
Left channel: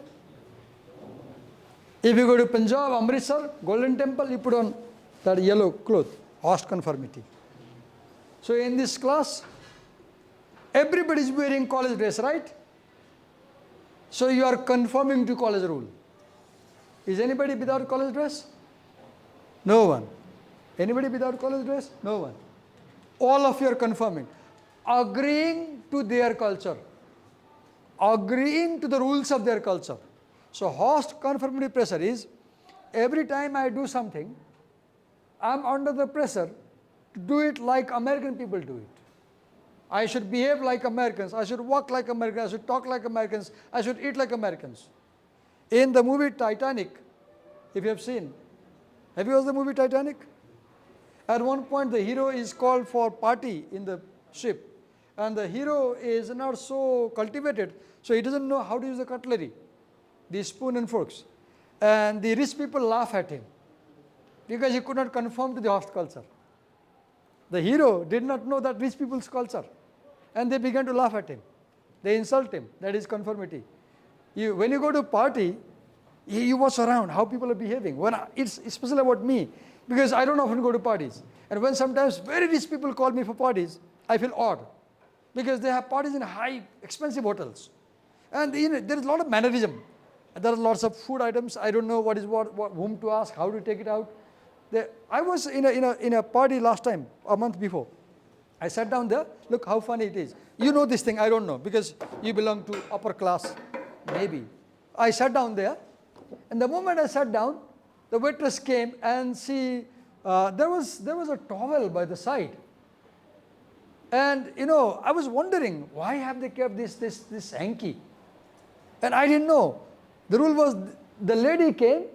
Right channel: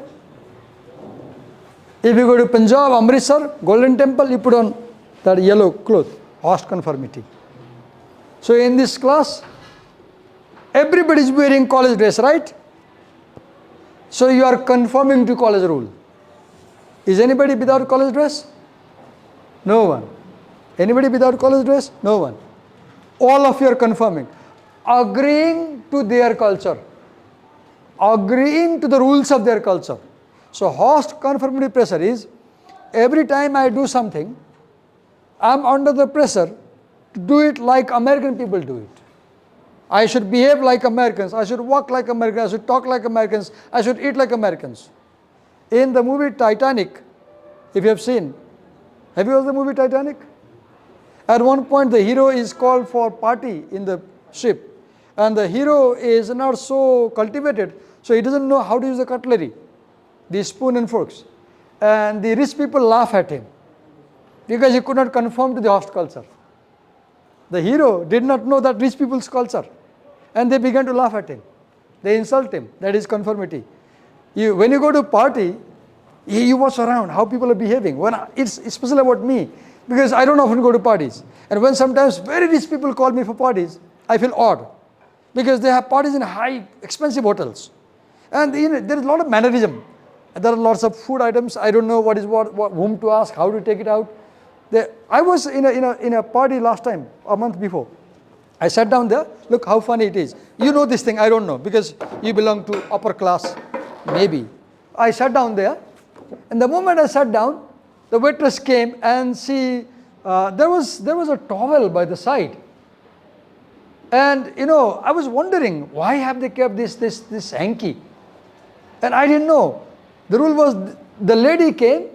If you go to Punjab, Amritsar, Golden Temple, you put on that yellow cloth, host conformity. So in this class, everybody is wearing college dress, right? So you are conforming to college rule. Is anybody without college dress? No one. Anybody without college dress? No one. All of you are conforming, agreeing to their culture, agreeing to the rules of their culture. So host conformity pressure is, every time I do something, I am under the pressure to do it like American people do it. I should behave like Americans, I should walk like Americans, I should talk like Americans, I should eat like Americans. In the movie Titanic, if you have seen, have you watched the movie Titanic? At one point the hero is called for party in the ship, and the hero is not so cultivated, so he doesn't know how to use the cutlery, the spoon and forks, and the rich people laugh at him because he could not conform to the host culture. The hero did not know that rich people's culture, and they began to laugh at him. They insult him. That is conformity. When you go to a party, you watch around how people are behaving. When it's especially about me, because I don't often go to parties. And when sometimes very rich people call me for parties, I feel odd because they have parties in high, expensive hotels. And there is a lot of mannerism. And there are lots of food items. I don't know what is what whom to ask, how to take it out. I was in a party last time, a month before. I sat down there. Look how funny it is. You know this thing, I don't know, because you belong to upper class, maybe. I sat down there, and the moment I sat down, the waitress came and there was a towel by the side. And I was wondering, why have they kept this hanky? And I didn't know. The rule was, the lady came,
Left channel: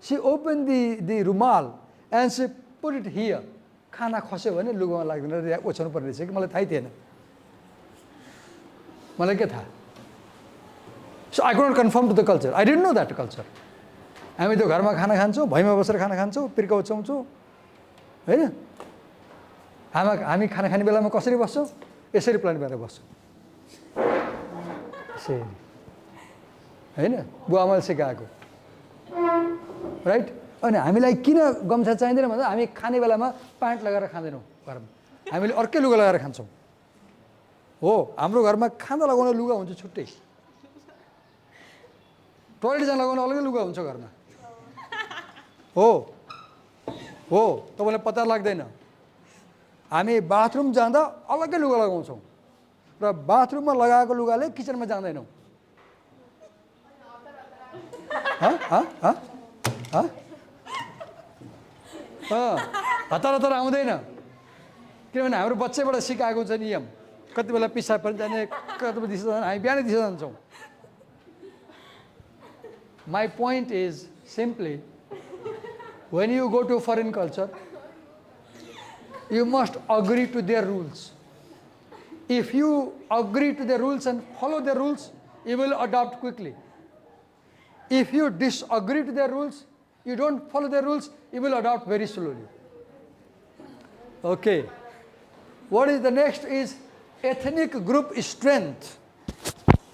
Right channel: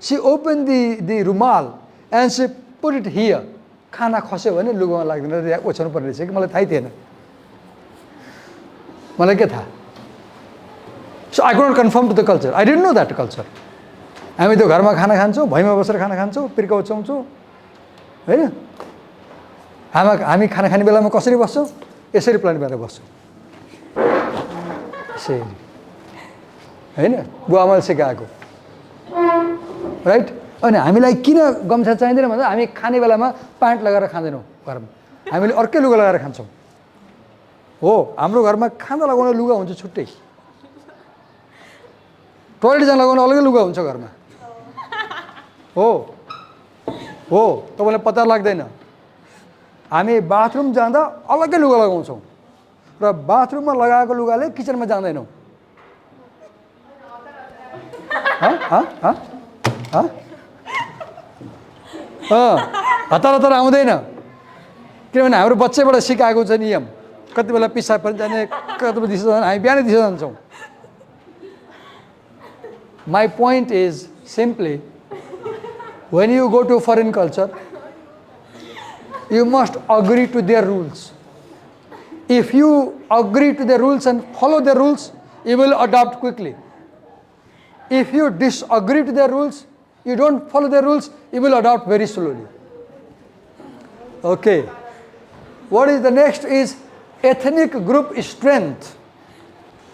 she opened the rumal and she put it here. खाना खस्यो भने लुगामा लाग्दैन ओछ्याउनु पर्ने रहेछ कि मलाई थाहै थिएन मलाई के थाहा So I could not conform to the culture. I didn't know that culture. हामी त्यो घरमा खाना खान्छौँ, भैँमा बसेर खाना खान्छौँ, पिर्का ओछ्याउँछौँ हैन हामी खाना खाने बेलामा कसरी बस्छौँ यसरी प्लान गरेर बस्छौँ यसरी हैन बुवाआमाले सिकाएको राइट अनि हामीलाई किन गम्छा चाहिँदैन भन्दा हामी खाने बेलामा प्यान्ट लगाएर खाँदैनौँ घरमा हामीले अर्कै लुगा लगाएर खान्छौँ हो हाम्रो घरमा खाना लगाउने लुगा हुन्छ छुट्टै टोयलेट जान लगाउने अलग्गै लुगा हुन्छ घरमा हो तपाईँलाई पत्ता लाग्दैन हामी बाथरुम जाँदा अलग्गै लुगा लगाउँछौँ र बाथरुममा लगाएको लुगाले किचनमा जाँदैनौँ हतार हतार आउँदैन किनभने हाम्रो बच्चैबाट सिकाएको छ नियम कति बेला पिसाब पनि जाने कति बेला दिशा जाने हामी बिहानै दिशा जान्छौँ My point is simply, when you go to a foreign culture, you must agree to their rules. If you agree to the rules and follow the rules, you will adopt quickly. If you disagree to the rules, you don't follow the rules, you will adopt very slowly. Okay. What is the next is ethnic group strength.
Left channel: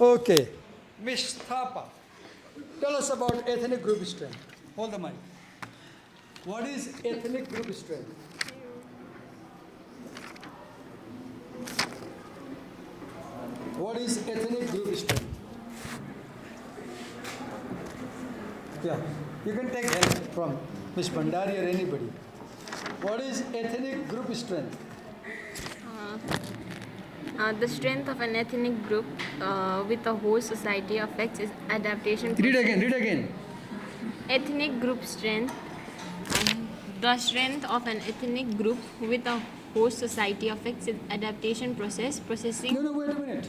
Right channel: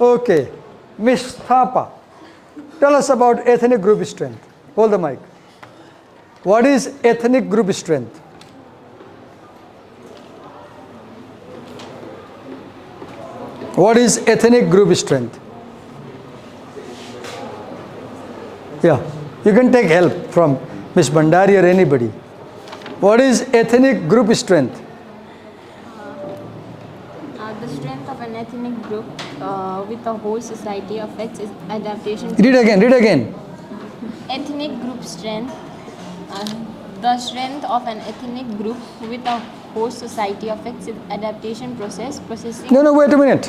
Okay. Miss Thapa, tell us about ethnic group strength. Hold the mic. What is ethnic group strength? What is ethnic group strength? Yeah, you can take help from Miss Bandari or anybody. What is ethnic group strength? The strength of an ethnic group with the whole society affects its adaptation. Read again. Ethnic group strength. The strength of an ethnic group with a host society affects its adaptation process. No, wait a minute.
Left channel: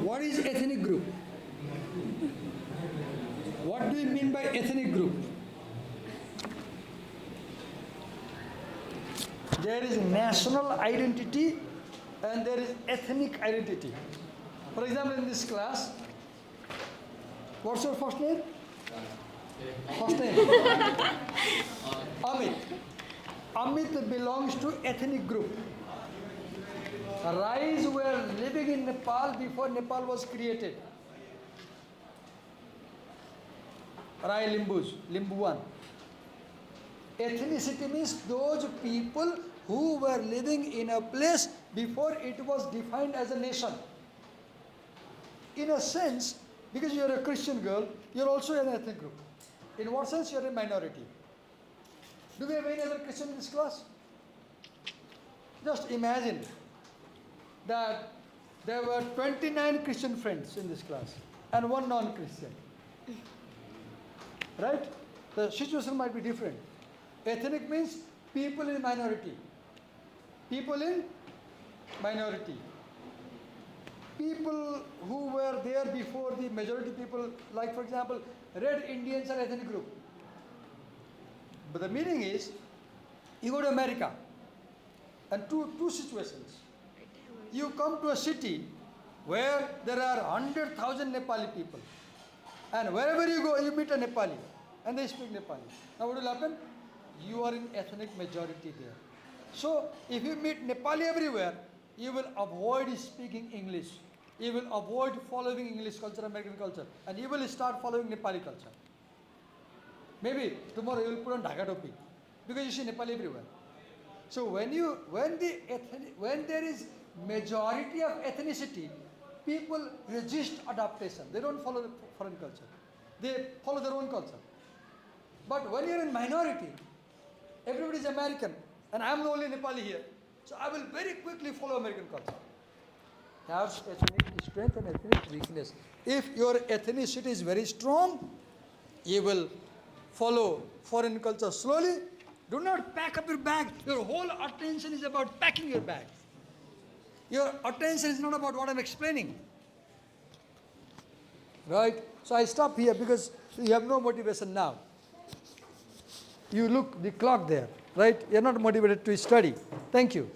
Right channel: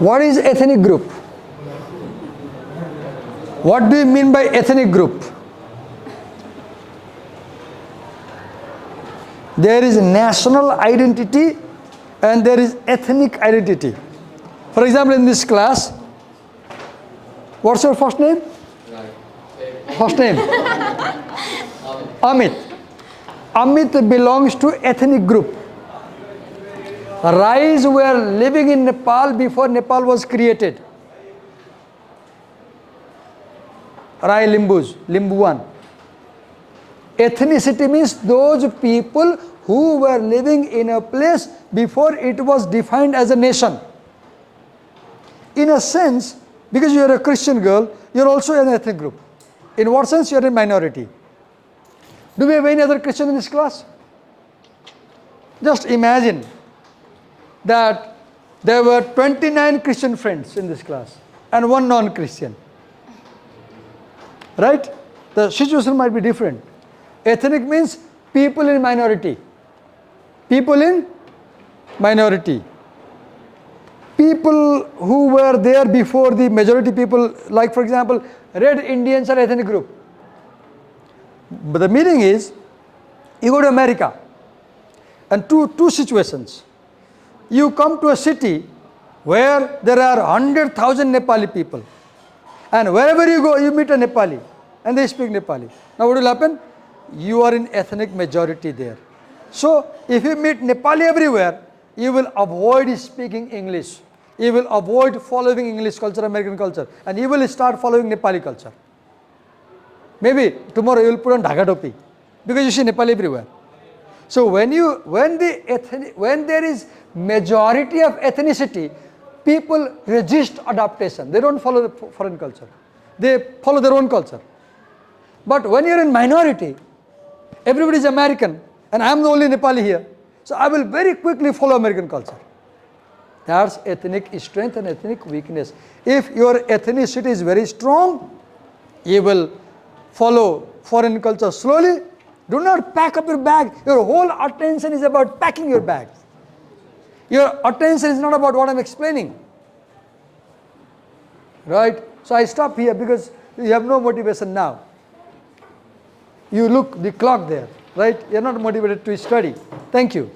What is ethnic group? What do you mean by ethnic group? There is national identity and there is ethnic identity. For example, in this class, what's your first name? First name? Amit. Amit belongs to ethnic group. Rais were living in Nepal before Nepal was created. Rai Limbus, Limbuan. Ethnicity means those people who were living in a place before it was defined as a nation. In a sense, because you are a Christian girl, you are also an ethnic group. In what sense? You are a minority. Do we have any other Christian in this class? Just imagine that there were 29 Christian friends in this class and one non-Christian. Right? The situation might be different. Ethnic means people in minority. People in minority. People who were there before the majority people, like for example, Red Indians are ethnic group. But the meaning is, you go to America, and two situations. You come to a city where there are 100,000 Nepali people. And wherever you go, you meet a Nepali. And they speak Nepali. Now what will happen? You are in ethnic majority there. So, if you meet Nepali everywhere, you will avoid speaking English. You will avoid following English culture, American culture. And you will start following Nepali culture. Maybe tomorrow you will put on Dhaka topi. because you see Nepal everywhere. So when there is majority of ethnicity, people resist adaptation. They don't follow the foreign culture. They follow their own culture. But when you're in minority, everybody is American and I'm the only Nepali here. So I will very quickly follow American culture. That's ethnic strength and ethnic weakness. If your ethnicity is very strong, you will follow foreign culture slowly. Do not pack up your bag. Your whole attention is about packing your bags. Your attention is not about what I'm explaining. Right? So I stop here because you have no motivation now. You look the clock there, right? You're not motivated to study. Thank you.